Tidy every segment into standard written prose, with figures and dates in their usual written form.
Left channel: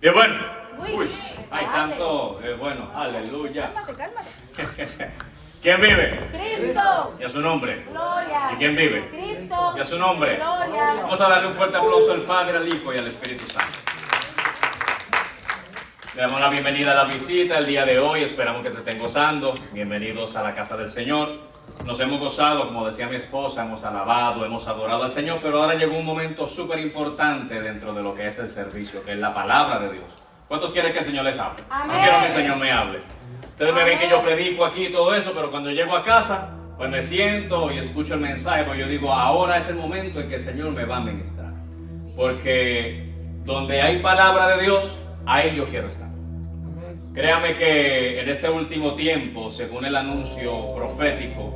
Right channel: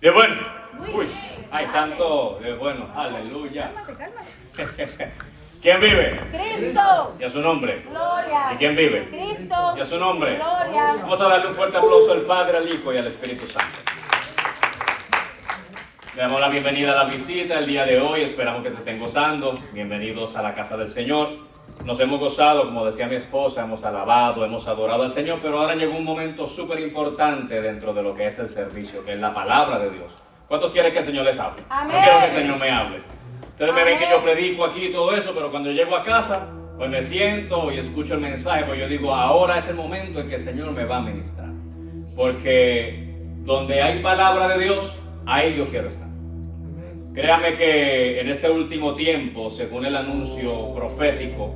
Qué bueno. Muy Uy, bien. ay, Dale. santo, qué bueno, aleluya. Cálmate, cálmate. ¿Quién vive? Cristo. Y a su nombre. Gloria. ¿Y quién vive? Cristo. Y a su nombre. Gloria. Vamos a darle un fuerte aplauso al Padre, al Hijo y al Espíritu Santo. Le damos la bienvenida a la visita el día de hoy. Esperamos que se estén gozando. Bienvenidos a la casa del Señor. Nos hemos gozado, como decía mi esposa, hemos alabado, hemos adorado al Señor, pero ahora llegó un momento súper importante dentro de lo que es el servicio, que es la palabra de Dios. ¿Cuántos quieren que el Señor les hable? Amén. No quiero que el Señor me hable. Ustedes me ven que yo predico aquí y todo eso, pero cuando llego a casa, pues me siento y escucho el mensaje, pues yo digo, ahora es el momento en que el Señor me va a ministrar. Porque donde hay palabra de Dios, ahí yo quiero estar. Créame que en este último tiempo, según el anuncio profético,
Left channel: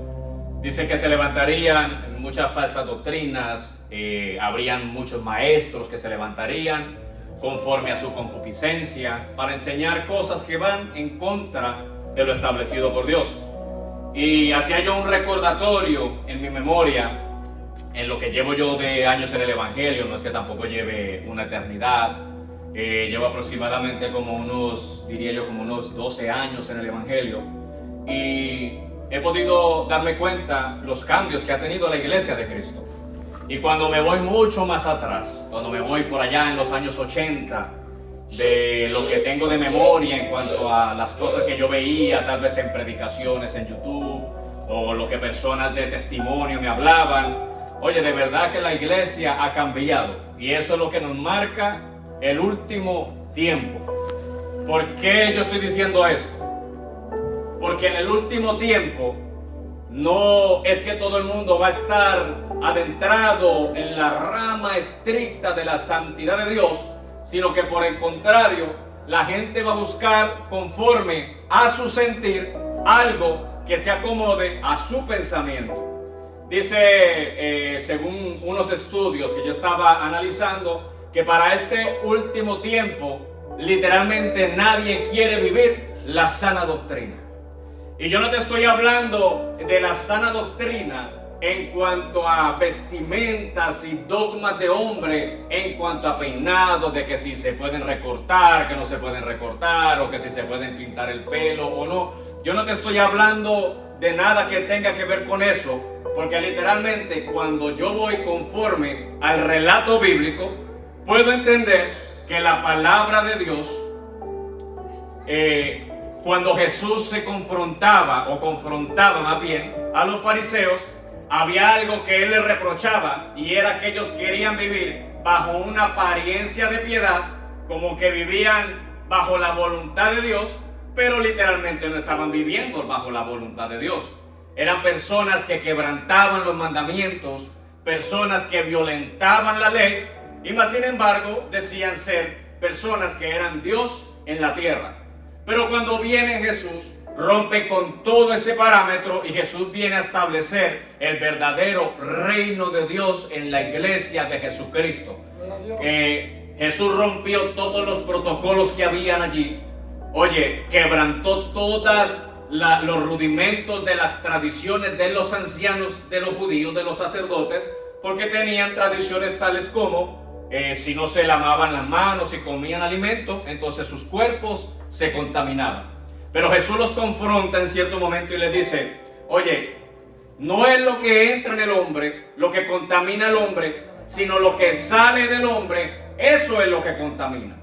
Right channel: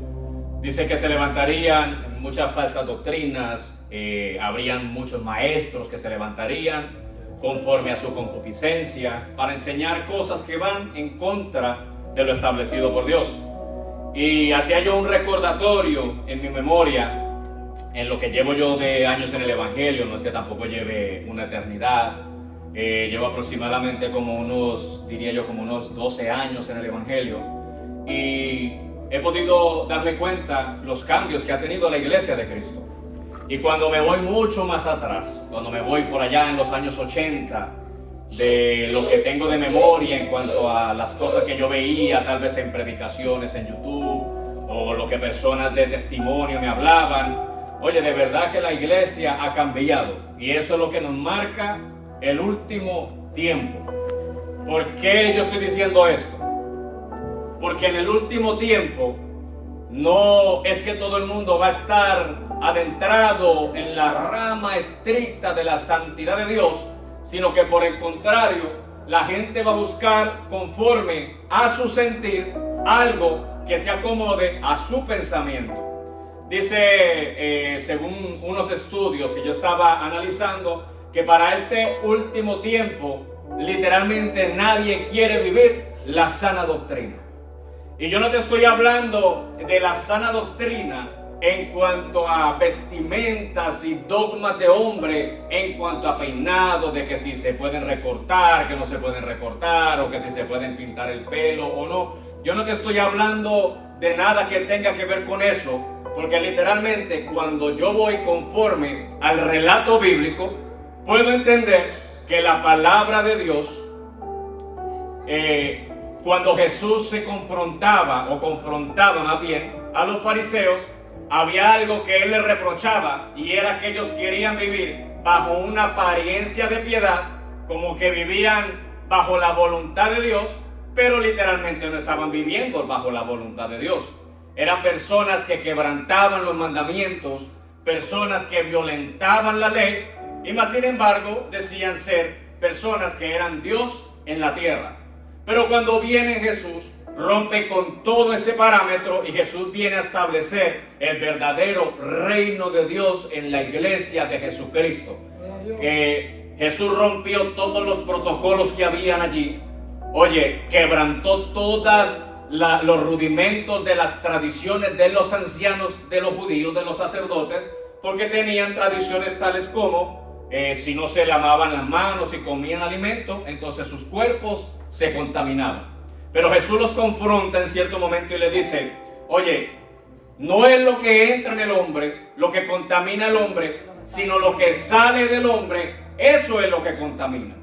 dice que se levantarían muchas falsas doctrinas, habrían muchos maestros que se levantarían conforme a su concupiscencia para enseñar cosas que van en contra de lo establecido por Dios. Y hacía yo un recordatorio en mi memoria, en lo que llevo yo de años en el Evangelio, no es que tampoco lleve una eternidad, llevo aproximadamente como unos, diría yo, como unos 12 años en el Evangelio, y he podido darme cuenta los cambios que ha tenido la iglesia de Cristo. Y cuando me voy mucho más atrás, cuando me voy por allá en los años 80, de lo que tengo de memoria en cuanto a las cosas que yo veía, tal vez en predicaciones en YouTube, o lo que personas de testimonio me hablaban, oye, de verdad que la iglesia ha cambiado. Y eso es lo que nos marca el último tiempo. ¿Por qué yo estoy diciendo esto? Porque en el último tiempo no es que todo el mundo va a estar adentrado en la rama estricta de la santidad de Dios, sino que por el contrario, la gente va a buscar conforme a su sentir algo que se acomode a su pensamiento. Dice, según unos estudios que yo estaba analizando, que para este último tiempo, literalmente nadie quiere vivir la sana doctrina. Y yo no te estoy hablando de la sana doctrina en cuanto a vestimentas y dogmas de hombre, en cuanto a peinados, de que si se pueden recortar, que no se pueden recortar, o que si se pueden pintar el pelo o no. Yo no te estoy hablando de nada que tenga que ver con eso, porque literalmente cuando yo voy conforme al relato bíblico, puedo entender que la palabra de Dios, cuando Jesús se confrontaba, o confrontaba más bien, a los fariseos, había algo que él les reprochaba, y era que ellos querían vivir bajo una apariencia de piedad, como que vivían bajo la voluntad de Dios, pero literalmente no estaban viviendo bajo la voluntad de Dios. Eran personas que quebrantaban los mandamientos, personas que violentaban la ley, y más sin embargo decían ser personas que eran Dios en la tierra. Pero cuando viene Jesús, rompe con todo ese parámetro, y Jesús viene a establecer el verdadero reino de Dios en la iglesia de Jesucristo. Jesús rompió todos los protocolos que habían allí. Oye, quebrantó todos los rudimentos de las tradiciones de los ancianos, de los judíos, de los sacerdotes, porque tenían tradiciones tales como si no se lavaban las manos y comían alimento, entonces sus cuerpos se contaminaban. Pero Jesús los confronta en cierto momento y les dice, oye, no es lo que entra en el hombre lo que contamina al hombre, sino lo que sale del hombre, eso es lo que contamina.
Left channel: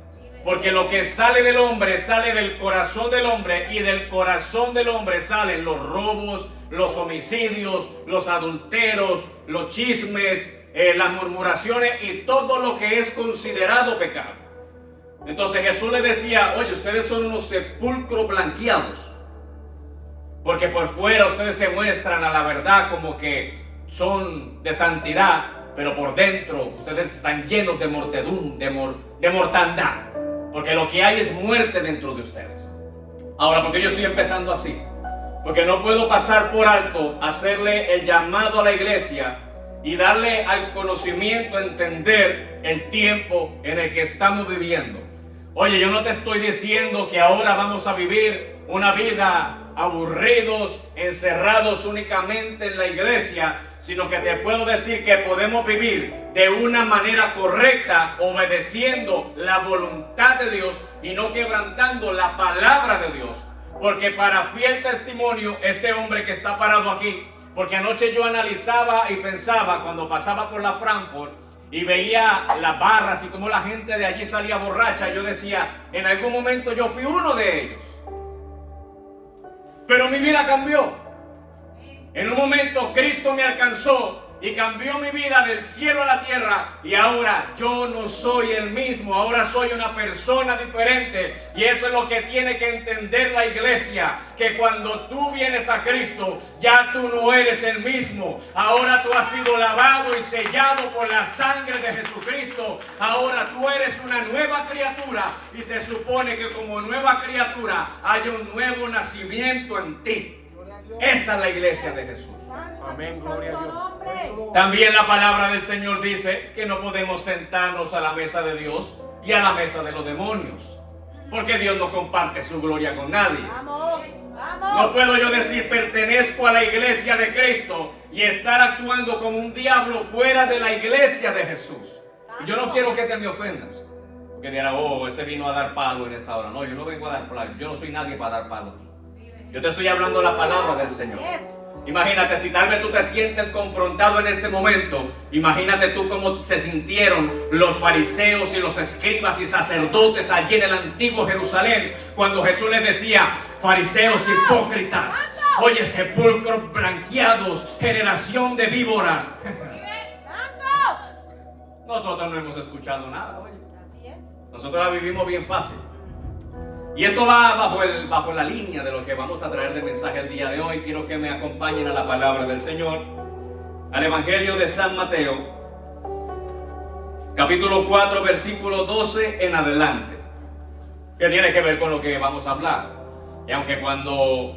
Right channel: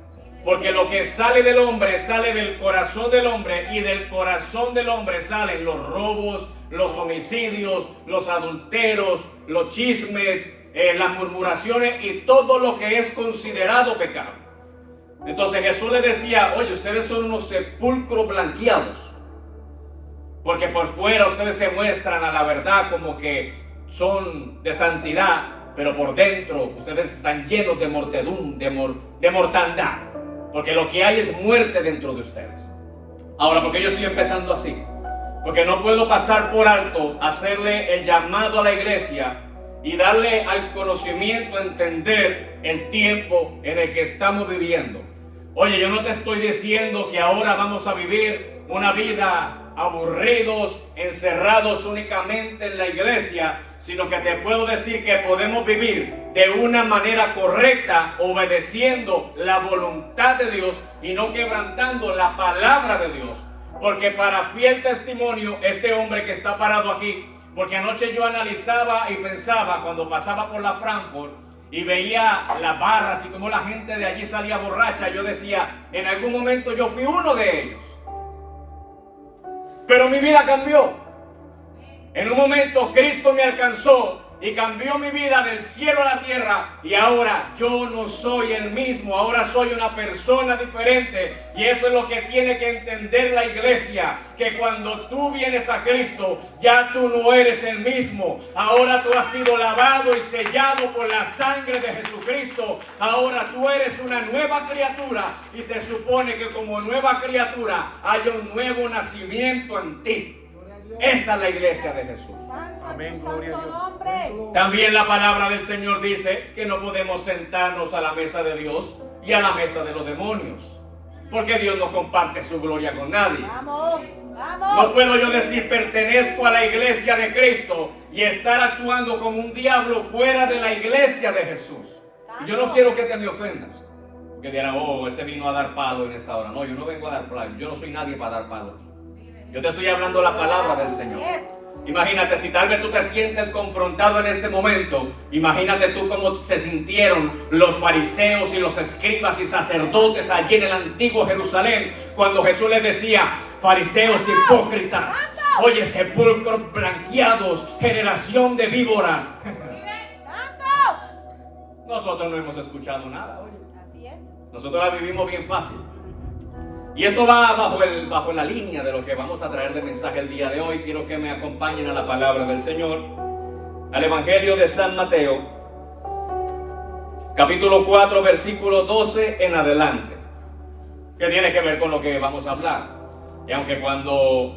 Porque lo que sale del hombre sale del corazón del hombre, y del corazón del hombre salen los robos, los homicidios, los adulteros, los chismes, las murmuraciones y todo lo que es considerado pecado. Entonces Jesús le decía, oye, ustedes son unos sepulcros blanqueados, porque por fuera ustedes se muestran a la verdad como que son de santidad, pero por dentro ustedes están llenos de de mortandad, porque lo que hay es muerte dentro de ustedes. Ahora, ¿por qué yo estoy empezando así? Porque no puedo pasar por alto hacerle el llamado a la iglesia y darle al conocimiento, entender el tiempo en el que estamos viviendo. Oye, yo no te estoy diciendo que ahora vamos a vivir una vida aburridos, encerrados únicamente en la iglesia, sino que te puedo decir que podemos vivir de una manera correcta, obedeciendo la voluntad de Dios y no quebrantando la palabra de Dios. Porque para fiel testimonio, este hombre que está parado aquí, porque anoche yo analizaba y pensaba cuando pasaba por la Frankfurt y veía las barras y cómo la gente de allí salía borracha, yo decía, en algún momento yo fui uno de ellos. Pero mi vida cambió. En un momento Cristo me alcanzó y cambió mi vida del cielo a la tierra, y ahora yo no soy el mismo, ahora soy una persona diferente. Y eso es lo que tiene que entender la iglesia, que cuando tú vienes a Cristo, ya tú no eres el mismo. Ahora tú has sido lavado y sellado por la sangre de Jesucristo. Ahora tú eres una nueva criatura, y se supone que como nueva criatura hay un nuevo nacimiento en ti. Esa es la iglesia de Jesús. Amén, gloria a Dios. También la palabra del Señor dice que no podemos sentarnos a la mesa de Dios y a la mesa de los demonios, porque Dios no comparte su gloria con nadie. No puedo yo decir pertenezco a la iglesia de Cristo y estar actuando como un diablo fuera de la iglesia de Jesús. Y yo no quiero que te me ofendas, porque dirán, oh, este vino a dar palo en esta hora. No, yo no vengo a dar palo, yo no soy nadie para dar palo. Yo te estoy hablando la palabra del Señor. Imagínate, si tal vez tú te sientes confrontado en este momento, imagínate tú cómo se sintieron los fariseos y los escribas y sacerdotes allí en el antiguo Jerusalén, cuando Jesús les decía, fariseos hipócritas, oye, sepulcros blanqueados, generación de víboras. Nosotros no hemos escuchado nada, oye. Nosotros la vivimos bien fácil. Y esto va bajo la línea de lo que vamos a traer de mensaje el día de hoy. Quiero que me acompañen a la palabra del Señor, al Evangelio de San Mateo, capítulo 4, versículo 12 en adelante, que tiene que ver con lo que vamos a hablar. Y aunque cuando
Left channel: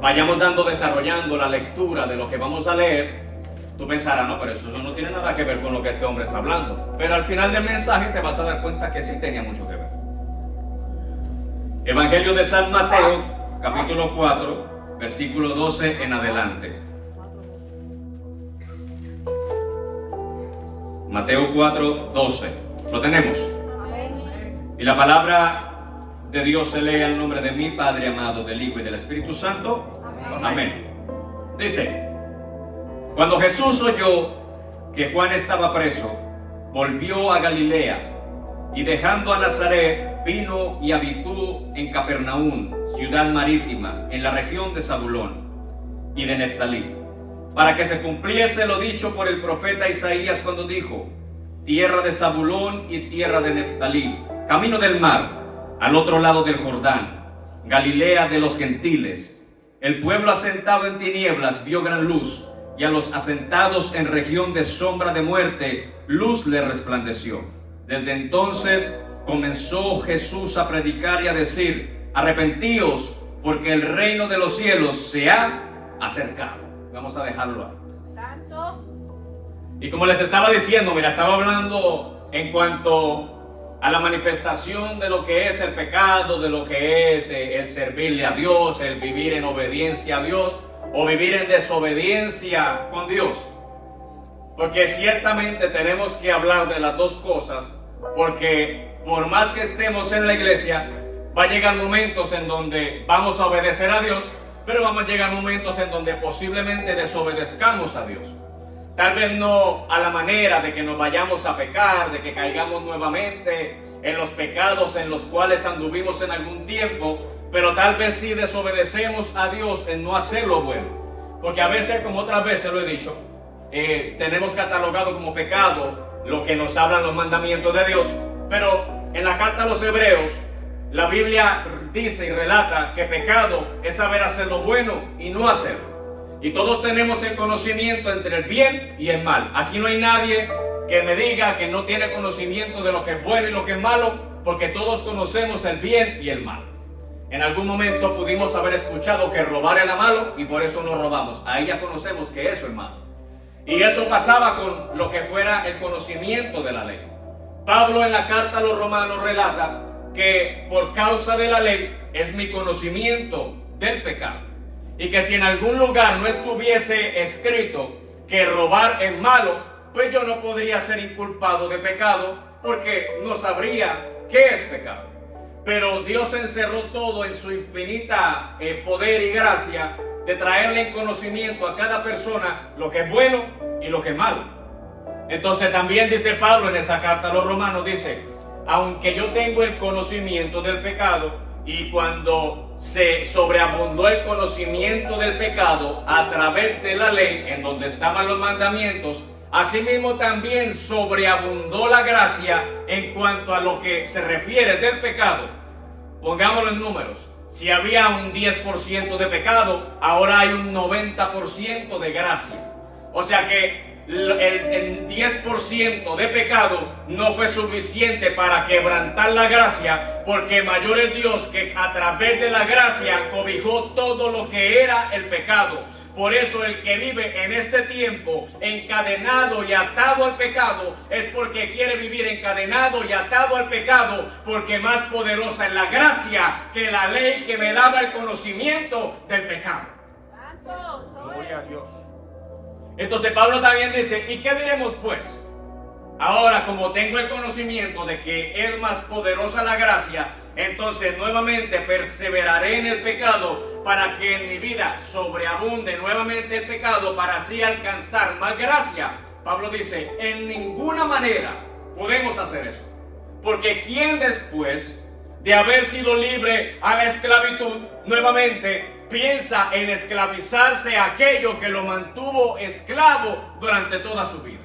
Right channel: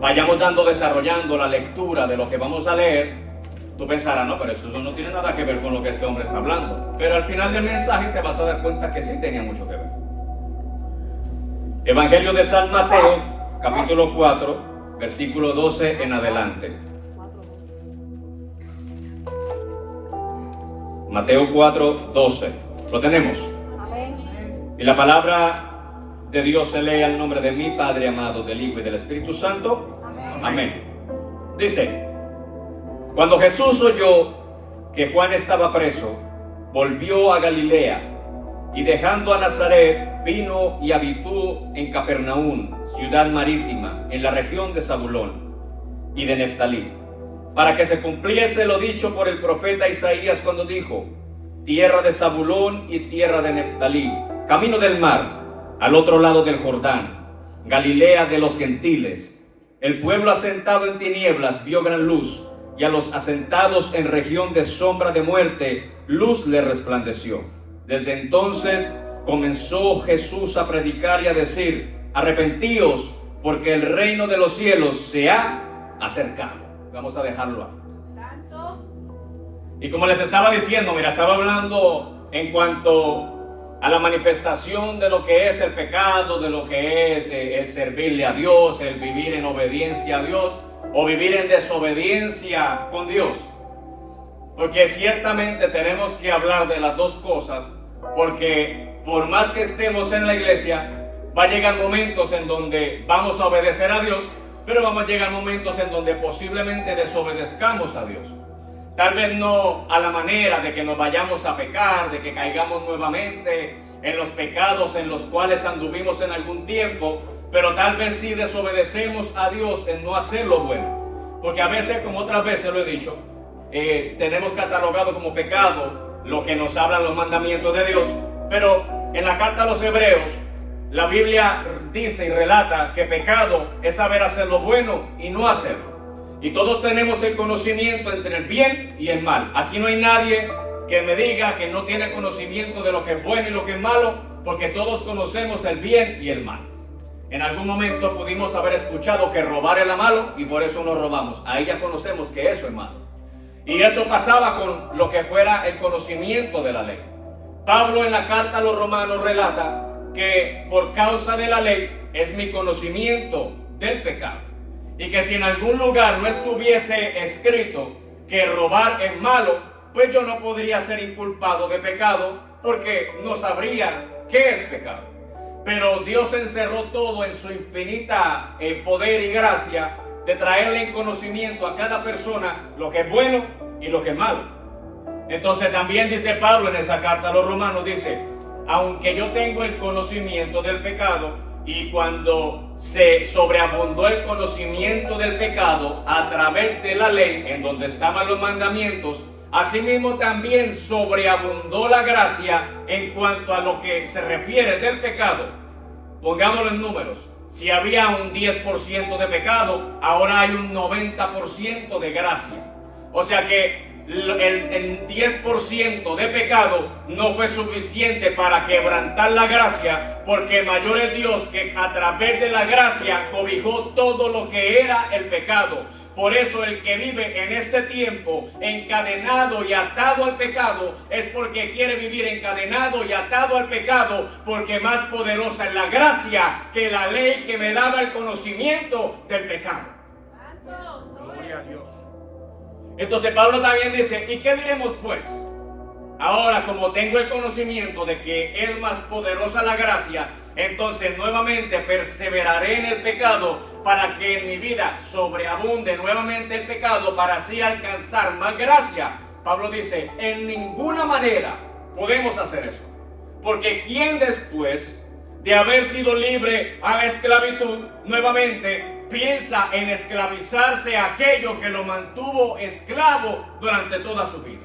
vayamos desarrollando la lectura de lo que vamos a leer, tú pensarás, no, pero eso no tiene nada que ver con lo que este hombre está hablando. Pero al final del mensaje te vas a dar cuenta que sí tenía mucho que ver. Evangelio de San Mateo, capítulo 4, versículo 12 en adelante. Mateo 4, 12. ¿Lo tenemos? Y la palabra de Dios se lee al nombre de mi Padre amado, del Hijo y del Espíritu Santo. Amén. Dice, cuando Jesús oyó que Juan estaba preso, volvió a Galilea, y dejando a Nazaret, vino y habitó en Capernaum, ciudad marítima, en la región de Zabulón y de Neftalí, para que se cumpliese lo dicho por el profeta Isaías cuando dijo, tierra de Zabulón y tierra de Neftalí, camino del mar, al otro lado del Jordán, Galilea de los gentiles. El pueblo asentado en tinieblas vio gran luz, y a los asentados en región de sombra de muerte, luz le resplandeció. Desde entonces comenzó Jesús a predicar y a decir, arrepentíos, porque el reino de los cielos se ha acercado. Vamos a dejarlo ahí. Y como les estaba diciendo, mira, estaba hablando en cuanto a la manifestación de lo que es el pecado, de lo que es el servirle a Dios, el vivir en obediencia a Dios o vivir en desobediencia con Dios. Porque ciertamente tenemos que hablar de las dos cosas, porque por más que estemos en la iglesia, va a llegar momentos en donde vamos a obedecer a Dios, pero vamos a llegar momentos en donde posiblemente desobedezcamos a Dios. Tal vez no a la manera de que nos vayamos a pecar, de que caigamos nuevamente en los pecados en los cuales anduvimos en algún tiempo, pero tal vez sí desobedecemos a Dios en no hacer lo bueno. Porque a veces, como otras veces lo he dicho, tenemos catalogado como pecado lo que nos hablan los mandamientos de Dios, pero en la carta a los Hebreos la Biblia dice y relata que pecado es saber hacer lo bueno y no hacerlo, y todos tenemos el conocimiento entre el bien y el mal. Aquí no hay nadie que me diga que no tiene conocimiento de lo que es bueno y lo que es malo, porque todos conocemos el bien y el mal. En algún momento pudimos haber escuchado que robar era malo y por eso no robamos. Ahí ya conocemos que eso es malo. Y eso pasaba con lo que fuera el conocimiento de la ley. Pablo en la carta a los romanos relata que por causa de la ley es mi conocimiento del pecado. y que si en algún lugar no estuviese escrito que robar es malo, pues yo no podría ser inculpado de pecado porque no sabría qué es pecado. Pero Dios encerró todo en su infinita poder y gracia de traerle en conocimiento a cada persona lo que es bueno y lo que es malo. Entonces también dice Pablo en esa carta a los romanos, dice, aunque yo tengo el conocimiento del pecado, y cuando se sobreabundó el conocimiento del pecado a través de la ley, en donde estaban los mandamientos, asimismo también sobreabundó la gracia en cuanto a lo que se refiere del pecado. Pongámoslo en números. Si había un 10% de pecado, ahora hay un 90% de gracia. O sea que el 10% de pecado no fue suficiente para quebrantar la gracia, porque mayor es Dios que a través de la gracia cobijó todo lo que era el pecado. Por eso el que vive en este tiempo encadenado y atado al pecado es porque quiere vivir encadenado y atado al pecado, porque más poderosa es la gracia que la ley que me daba el conocimiento del pecado. Gloria a Dios. Entonces Pablo también dice, ¿y qué diremos pues? Ahora, como tengo el conocimiento de que es más poderosa la gracia, entonces nuevamente perseveraré en el pecado para que en mi vida sobreabunde nuevamente el pecado para así alcanzar más gracia. Pablo dice, en ninguna manera podemos hacer eso. Porque ¿quién después de haber sido libre a la esclavitud nuevamente piensa en esclavizarse a aquello que lo mantuvo esclavo durante toda su vida?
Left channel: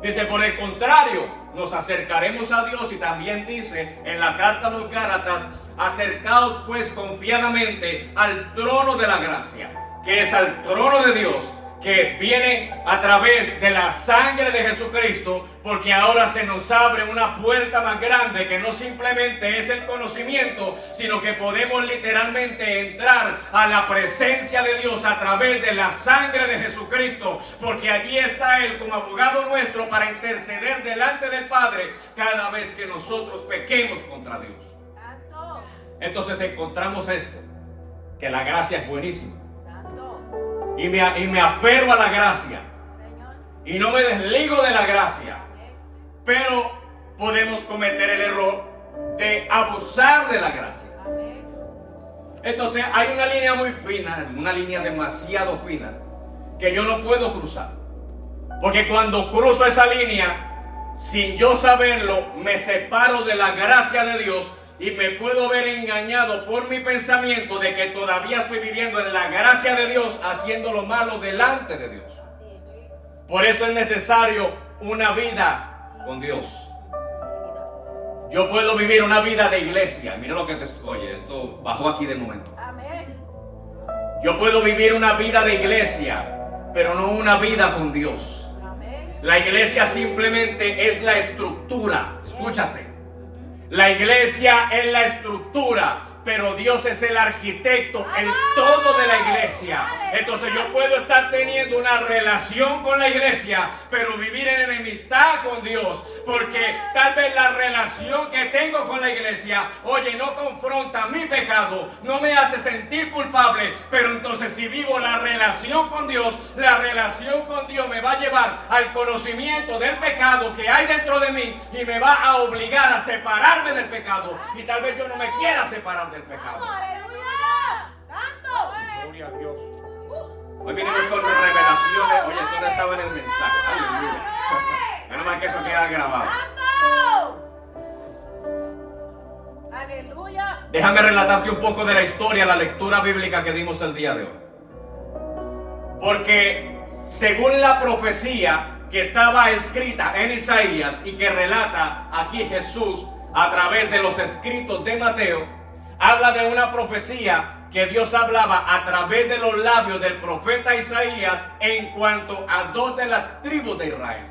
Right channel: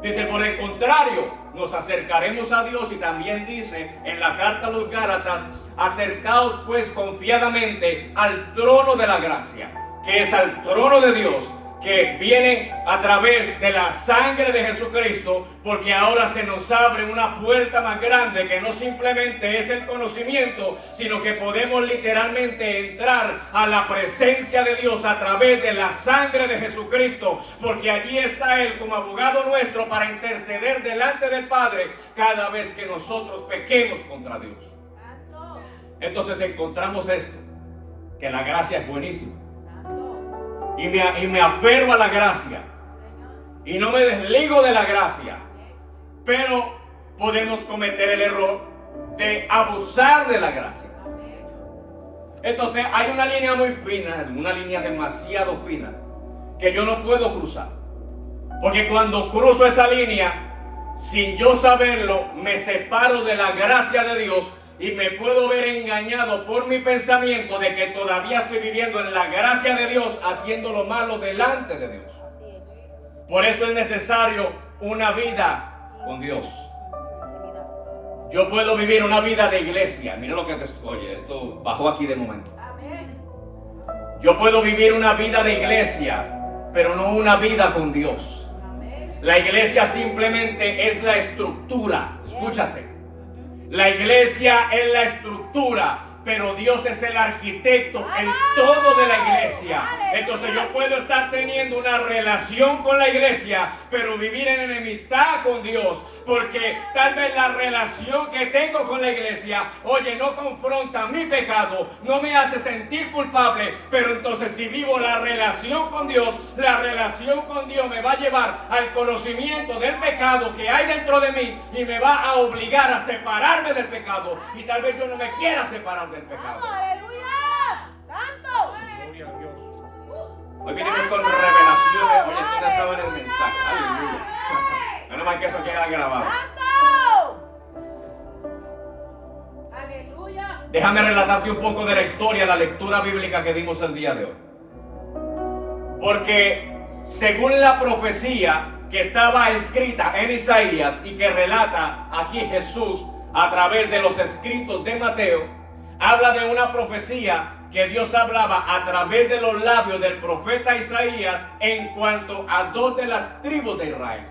Dice, por el contrario, nos acercaremos a Dios, y también dice en la carta a los Gálatas, acercaos pues confiadamente al trono de la gracia, que es al trono de Dios, que viene a través de la sangre de Jesucristo, porque ahora se nos abre una puerta más grande que no simplemente es el conocimiento, sino que podemos literalmente entrar a la presencia de Dios a través de la sangre de Jesucristo, porque allí está Él como abogado nuestro para interceder delante del Padre cada vez que nosotros pequemos contra Dios. Entonces encontramos esto, que la gracia es buenísima. Y me aferro a la gracia. Y no me desligo de la gracia. Pero podemos cometer el error de abusar de la gracia. Entonces hay una línea muy fina, una línea demasiado fina, que yo no puedo cruzar. Porque cuando cruzo esa línea, sin yo saberlo, me separo de la gracia de Dios. Y me puedo ver engañado por mi pensamiento de que todavía estoy viviendo en la gracia de Dios, haciendo lo malo delante de Dios. Por eso es necesario una vida con Dios. Yo puedo vivir una vida de iglesia. Mira lo que te... Oye, esto bajó aquí de momento. Yo puedo vivir una vida de iglesia, pero no una vida con Dios. La iglesia simplemente es la estructura. Escúchate. La iglesia es la estructura, pero Dios es el arquitecto en todo de la iglesia. Entonces yo puedo estar teniendo una relación con la iglesia, pero vivir en enemistad con Dios, porque tal vez la relación que tengo con la iglesia, oye, no confronta mi pecado, no me hace sentir culpable, pero entonces si vivo la relación con Dios, la relación con Dios me va a llevar al conocimiento del pecado que hay dentro de mí y me va a obligar a separarme del pecado, y tal vez yo no me quiera separar del pecado. ¡Aleluya! ¡Santo! Gloria a Dios. Hoy vinimos con revelaciones. Oye, eso no estaba en el mensaje. Aleluya. Menos mal que eso queda grabado. ¡Santo! ¡Aleluya! Déjame relatarte un poco de la historia, la lectura bíblica que dimos el día de hoy. Porque según la profecía que estaba escrita en Isaías y que relata aquí Jesús a través de los escritos de Mateo, habla de una profecía que Dios hablaba a través de los labios del profeta Isaías en cuanto a dos de las tribus de Israel,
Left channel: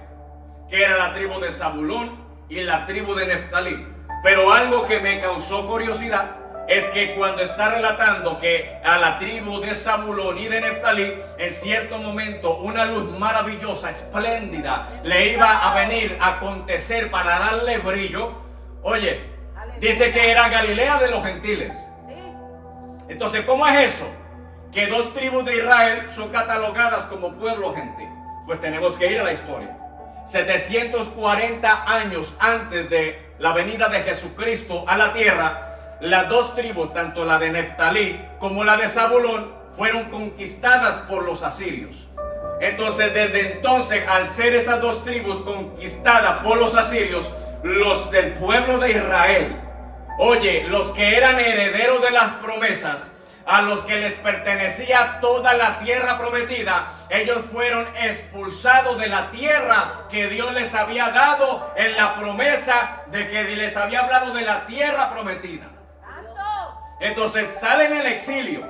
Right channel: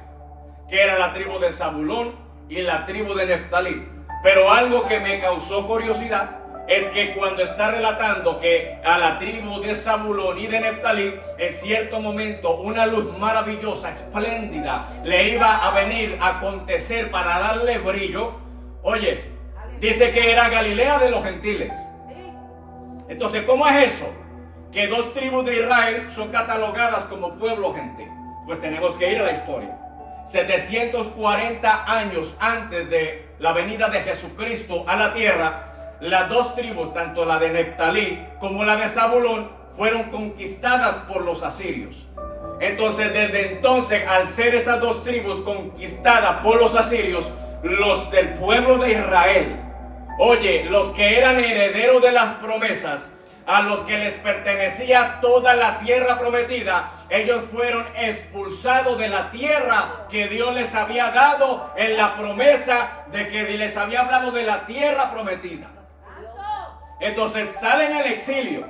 que era la tribu de Zabulón y la tribu de Neftalí. Pero algo que me causó curiosidad es que cuando está relatando que a la tribu de Zabulón y de Neftalí, en cierto momento una luz maravillosa, espléndida, le iba a venir a acontecer para darle brillo. Oye, dice que era Galilea de los gentiles. Entonces, ¿cómo es eso? que 2 tribus de Israel son catalogadas como pueblo gentil? Pues tenemos que ir a la historia. 740 años antes de la venida de Jesucristo a la tierra, las 2 tribus, tanto la de Neftalí como la de Zabulón, fueron conquistadas por los asirios. Entonces, desde entonces, al ser esas 2 tribus conquistadas por los asirios, los del pueblo de Israel, oye, los que eran herederos de las promesas, a los que les pertenecía toda la tierra prometida, ellos fueron expulsados de la tierra que Dios les había dado en la promesa de que les había hablado de la tierra prometida. Entonces salen en el exilio.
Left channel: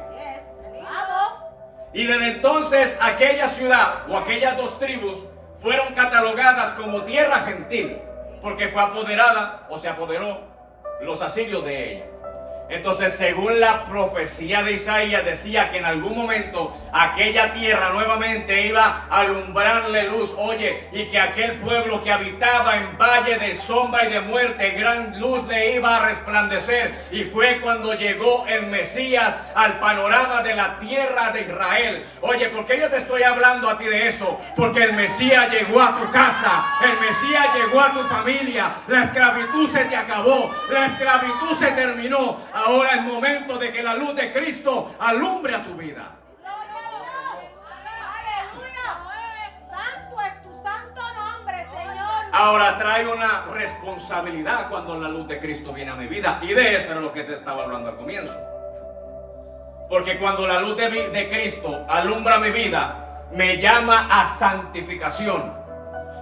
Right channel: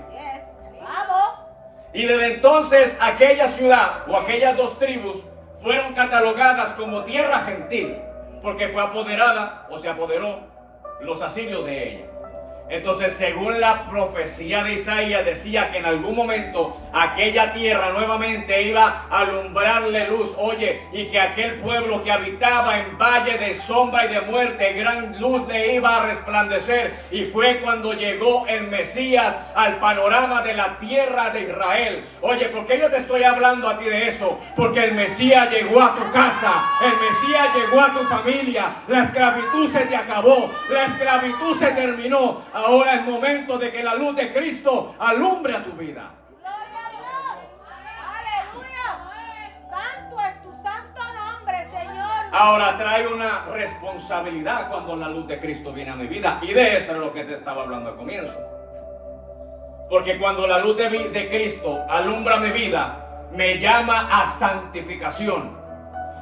Y desde entonces aquella ciudad o aquellas 2 tribus fueron catalogadas como tierra gentil, porque fue apoderada o se apoderó los asirios de ella. Entonces, según la profecía de Isaías, decía que en algún momento aquella tierra nuevamente iba a alumbrarle luz. Oye, y que aquel pueblo que habitaba en valle de sombra y de muerte, gran luz le iba a resplandecer. Y fue cuando llegó el Mesías al panorama de la tierra de Israel. Oye, ¿por qué yo te estoy hablando a ti de eso? Porque el Mesías llegó a tu casa, el Mesías llegó a tu familia. La esclavitud se te acabó, la esclavitud se terminó. Ahora es momento de que la luz de Cristo alumbre a tu vida. Aleluya. Santo es tu santo nombre, Señor. Ahora trae una responsabilidad cuando la luz de Cristo viene a mi vida. Y de eso es lo que te estaba hablando al comienzo. Porque cuando la luz de Cristo alumbra mi vida, me llama a santificación,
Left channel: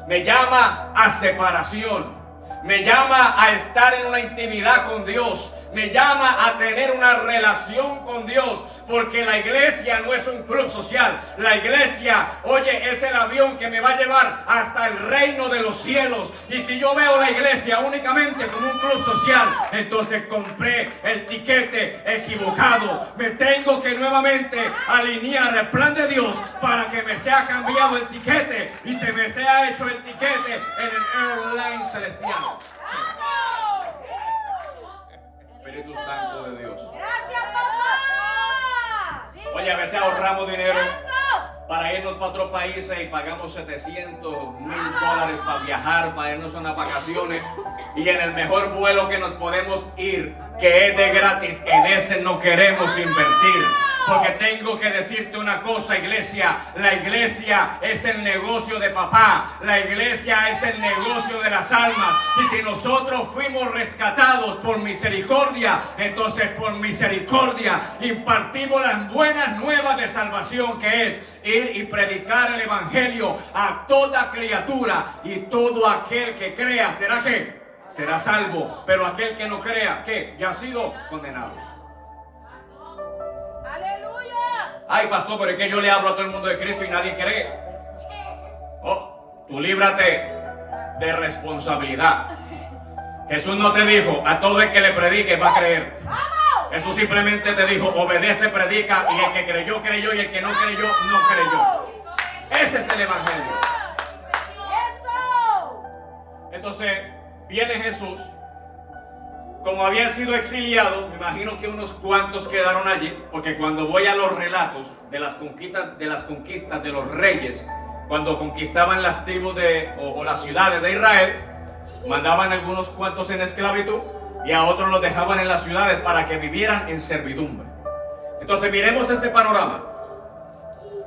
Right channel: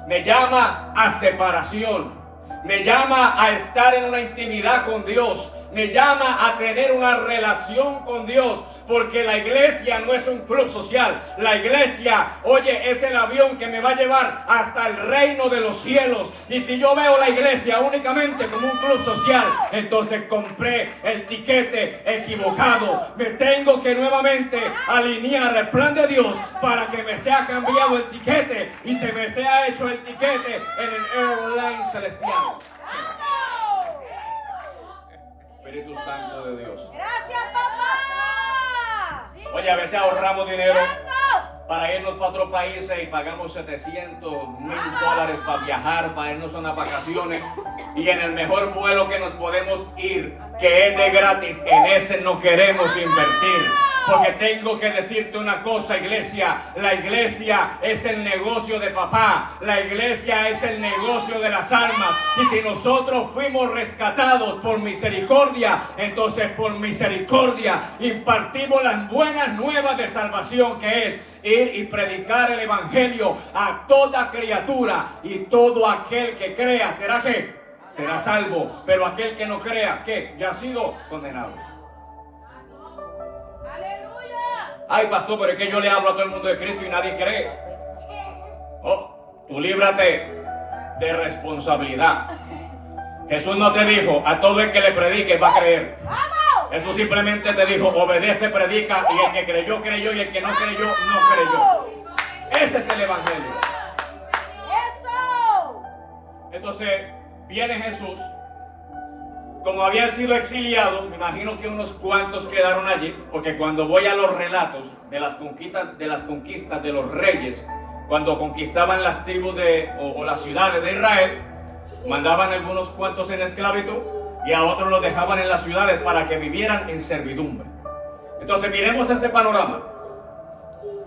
me llama a separación, me llama a estar en una intimidad con Dios, me llama a tener una relación con Dios, porque la iglesia no es un club social. La iglesia, oye, es el avión que me va a llevar hasta el reino de los cielos. Y si yo veo la iglesia únicamente como un club social, entonces compré el tiquete equivocado. Me tengo que nuevamente alinear al plan de Dios para que me sea cambiado el tiquete y se me sea hecho el tiquete en el airline celestial. Espíritu Santo de Dios. Gracias, papá. Oye, a veces ahorramos dinero para irnos para otros países y pagamos $700,000 para viajar, para irnos a unas vacaciones. Y en el mejor vuelo que nos podemos ir, que es de gratis, en ese no queremos invertir. Porque tengo que decirte una cosa, iglesia. La iglesia es el negocio de papá. La iglesia es el negocio de las almas. Y si nosotros fuimos rescatados por misericordia, entonces por misericordia impartimos las buenas nuevas de salvación, que es ir y predicar el evangelio a toda criatura. Y todo aquel que crea, ¿será qué? Será salvo. Pero aquel que no crea, ¿qué? Ya ha sido condenado. Ay, pastor, pero es que yo le hablo a todo el mundo de Cristo y nadie cree. Oh, tú líbrate de responsabilidad. Jesús no te dijo a todo el que le predique va a creer. Jesús simplemente te dijo, obedece, predica, y el que creyó, creyó, y el que no creyó, no creyó. Ese es el evangelio. Entonces, viene Jesús. Como habían sido exiliados, me imagino que unos cuantos quedaron allí, porque cuando voy a los relatos de las conquistas de los reyes, cuando conquistaban las tribus o las ciudades de Israel, mandaban a algunos cuantos en esclavitud y a otros los dejaban en las ciudades para que vivieran en servidumbre. Entonces miremos este panorama.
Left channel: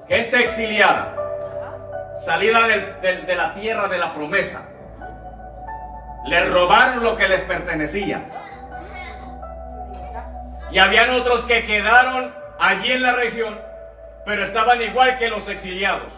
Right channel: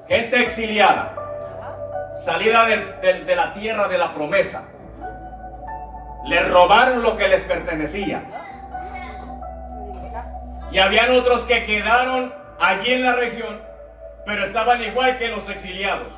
Gente exiliada, salida de la tierra de la promesa. Les robaron lo que les pertenecía. Y habían otros que quedaron allí en la región, pero estaban igual que los exiliados.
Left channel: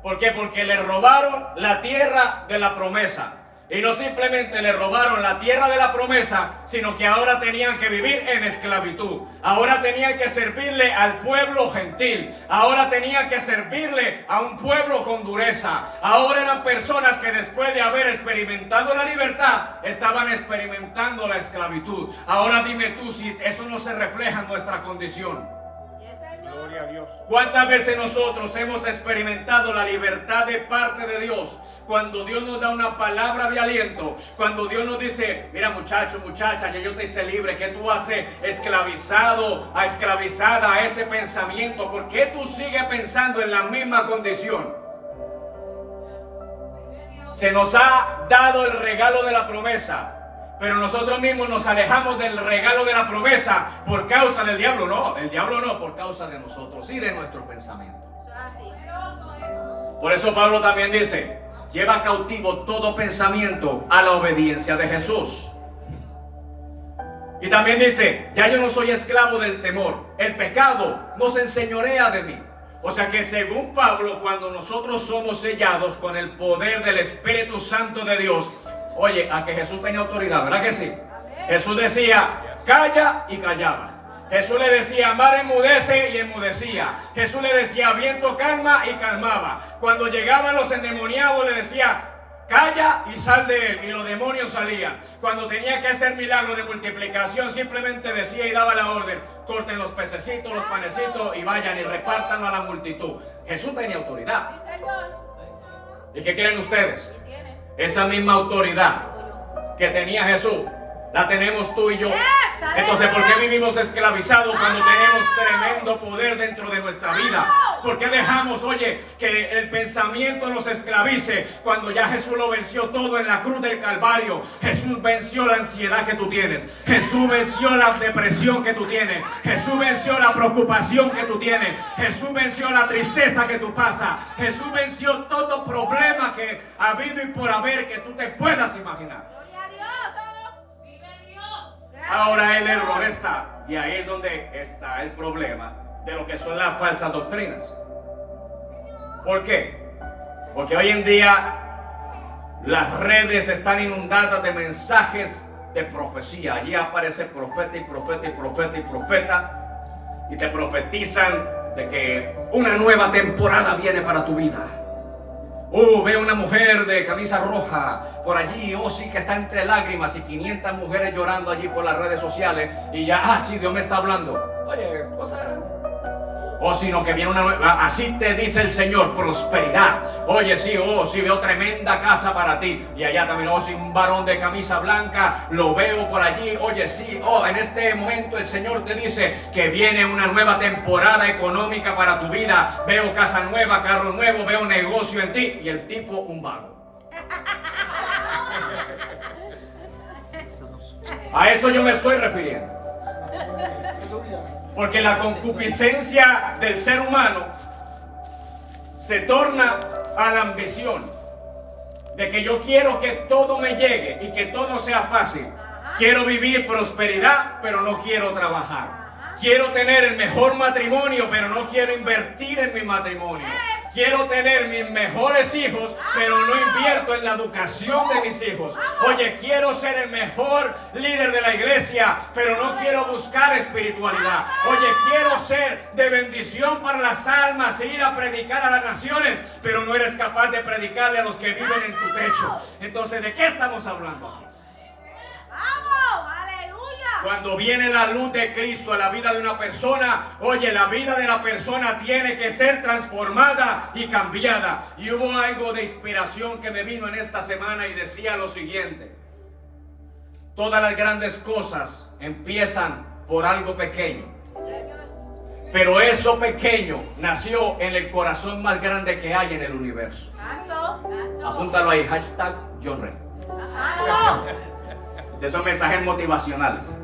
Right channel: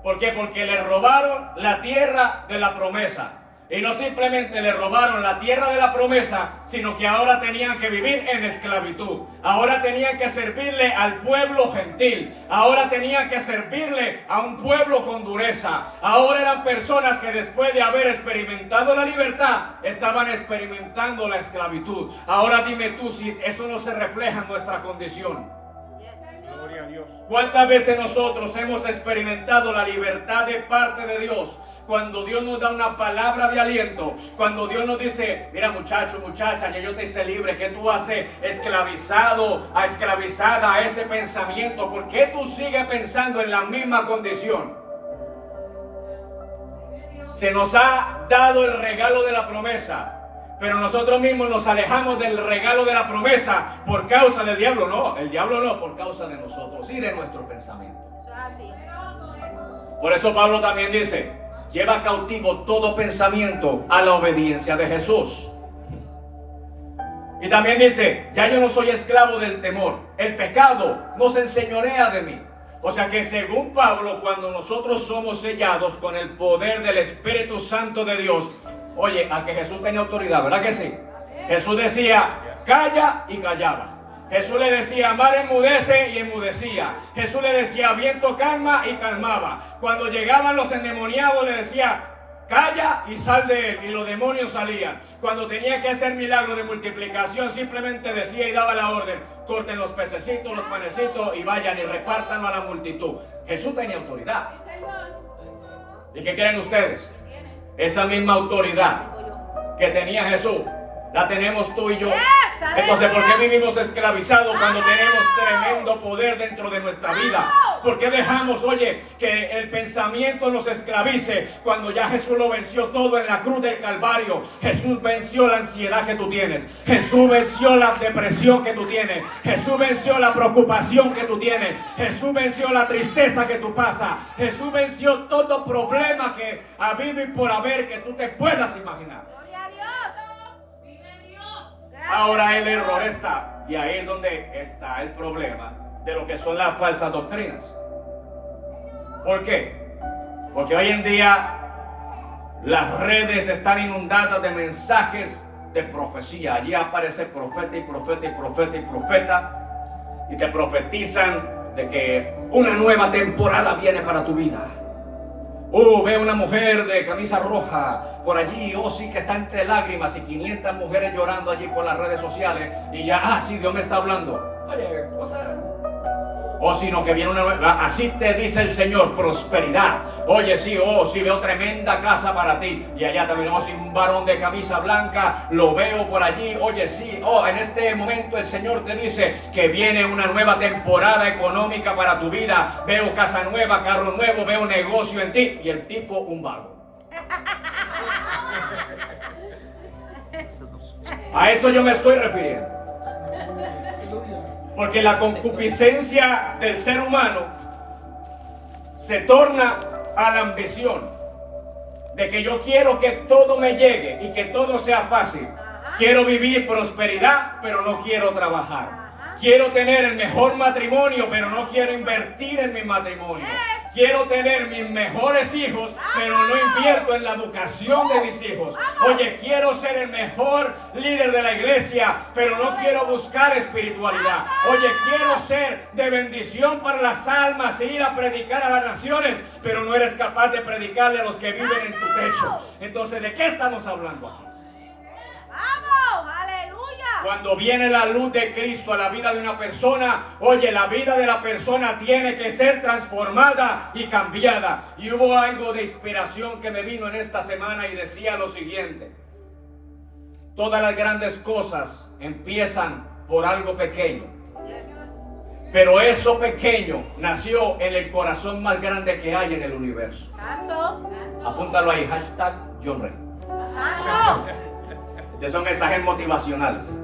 ¿Por qué? Porque les robaron la tierra de la promesa. Y no simplemente le robaron la tierra de la promesa, sino que ahora tenían que vivir en esclavitud. Ahora tenían que servirle al pueblo gentil. Ahora tenían que servirle a un pueblo con dureza. Ahora eran personas que después de haber experimentado la libertad, estaban experimentando la esclavitud. Ahora dime tú si eso no se refleja en nuestra condición. Gloria a Dios. ¿Cuántas veces nosotros hemos experimentado la libertad de parte de Dios? Cuando Dios nos da una palabra de aliento, cuando Dios nos dice, mira muchacho, muchacha, ya yo te hice libre, que tú haces esclavizada a ese pensamiento, ¿por qué tú sigues pensando en la misma condición? Se nos ha dado el regalo de la promesa, pero nosotros mismos nos alejamos del regalo de la promesa por causa del diablo. No, el diablo no, por causa de nosotros y de nuestro pensamiento. Por eso Pablo también dice, lleva cautivo todo pensamiento a la obediencia de Jesús. Y también dice, ya yo no soy esclavo del temor, el pecado no se enseñorea de mí. O sea que según Pablo, cuando nosotros somos sellados con el poder del Espíritu Santo de Dios, oye, a que Jesús tenía autoridad, ¿verdad que sí? Jesús decía, calla y callaba. Jesús le decía, mar enmudece y enmudecía. Jesús le decía, viento calma y calmaba. Cuando llegaban los endemoniados le decía, calla y sal de él, y los demonios salían. Cuando tenía que hacer milagros de multiplicación, simplemente decía y daba la orden, corten los pececitos, los panecitos y vayan y repártanlo a la multitud. Jesús tenía autoridad. ¿Y qué creen ustedes? Esa misma autoridad que tenía Jesús, la tenemos tú y yo. Entonces, ¿por qué vivimos esclavizados cuando tenemos tremendo poder dentro de nuestra vida? ¿Por qué dejamos, oye, que el pensamiento nos esclavice cuando ya Jesús lo venció todo en la cruz del Calvario? Jesús venció la ansiedad que tú tienes. Jesús venció la depresión que tú tienes. Jesús venció la preocupación que tú tienes. Jesús venció la tristeza que tú pasas. Jesús venció todo problema que ha habido y por haber que tú te puedas imaginar. Ahora el error está, y ahí es donde está el problema de lo que son las falsas doctrinas. ¿Por qué? Porque hoy en día las redes están inundadas de mensajes de profecía. Allí aparece profeta y profeta y profeta y profeta, y te profetizan de que una nueva temporada viene para tu vida. Ve una mujer de camisa roja por allí, sí que está entre lágrimas, y 500 mujeres llorando allí por las redes sociales, y ya, sí, Dios me está hablando. Oye, sino que viene una nueva, así te dice el Señor, prosperidad. Oye, sí, veo tremenda casa para ti. Y allá también, sí, un varón de camisa blanca, lo veo por allí. Oye, sí, en este momento el Señor te dice que viene una nueva temporada económica para tu vida. Veo casa nueva, carro nuevo, veo negocio en ti. Y el tipo, un vago. A eso yo me estoy refiriendo. Porque la concupiscencia del ser humano se torna a la ambición de que yo quiero que todo me llegue y que todo sea fácil. Quiero vivir prosperidad, pero no quiero trabajar. Quiero tener el mejor matrimonio, pero no quiero invertir en mi matrimonio. Quiero tener mis mejores hijos, pero no invierto en la educación de mis hijos. Oye, quiero ser el mejor líder de la iglesia, pero no quiero buscar espiritualidad. Oye, quiero ser de bendición para las almas e ir a predicar a las naciones, pero no eres capaz de predicarle a los que viven en tu techo. Entonces, ¿de qué estamos hablando aquí? Cuando viene la luz de Cristo a la vida de una persona, oye, la vida de la persona tiene que ser transformada y cambiada. Y hubo algo de inspiración que me vino en esta semana y decía lo siguiente: todas las grandes cosas empiezan por algo pequeño, pero eso pequeño nació en el corazón más grande que hay en el universo. Apúntalo ahí, hashtag John Ray. Estos son mensajes motivacionales.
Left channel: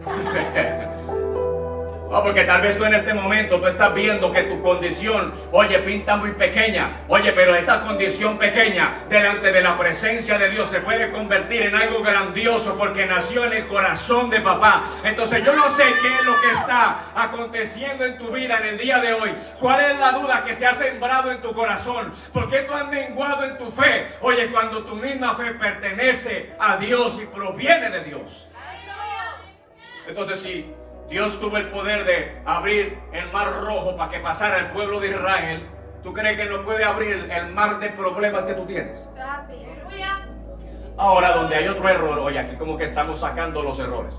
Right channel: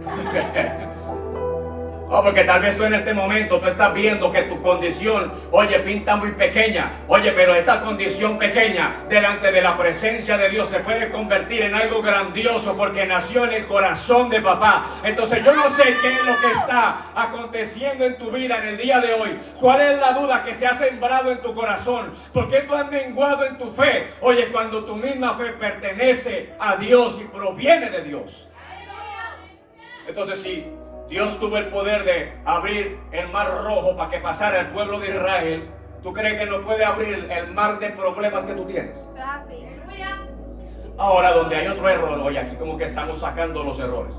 Porque tal vez tú en este momento tú estás viendo que tu condición, oye, pinta muy pequeña. Oye, pero esa condición pequeña delante de la presencia de Dios se puede convertir en algo grandioso porque nació en el corazón de papá. Entonces yo no sé qué es lo que está aconteciendo en tu vida en el día de hoy. ¿Cuál es la duda que se ha sembrado en tu corazón? ¿Por qué tú has menguado en tu fe? Oye, cuando tu misma fe pertenece a Dios y proviene de Dios. Entonces sí, Dios tuvo el poder de abrir el mar rojo para que pasara el pueblo de Israel. ¿Tú crees que no puede abrir el mar de problemas que tú tienes? Ahora, donde hay otro error, oye, aquí como que estamos sacando los errores.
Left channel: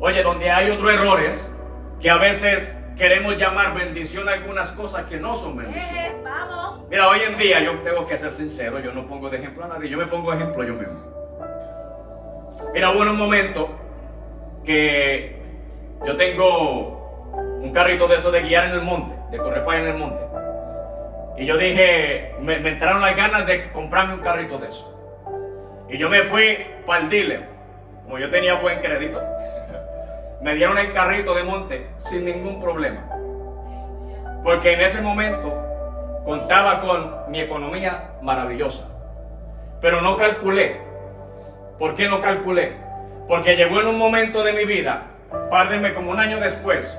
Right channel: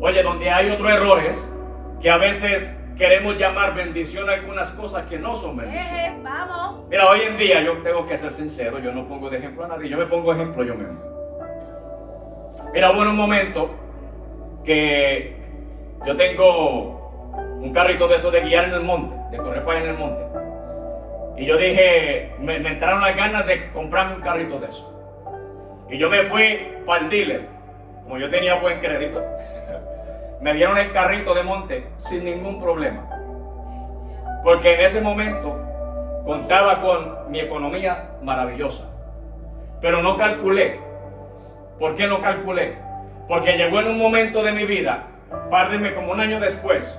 Oye, donde hay otro error es que a veces queremos llamar bendición a algunas cosas que no son bendición. Vamos. Mira, hoy en día yo tengo que ser sincero, yo no pongo de ejemplo a nadie, yo me pongo ejemplo yo mismo. Mira, hubo un momento que yo tengo un carrito de esos de guiar en el monte, de correr para allá en el monte. Y yo dije, me entraron las ganas de comprarme un carrito de eso. Y yo me fui para el dealer, como yo tenía buen crédito. Me dieron el carrito de monte sin ningún problema. Porque en ese momento contaba con mi economía maravillosa. Pero no calculé. ¿Por qué no calculé? Porque llegó en un momento de mi vida, párdenme como un año después,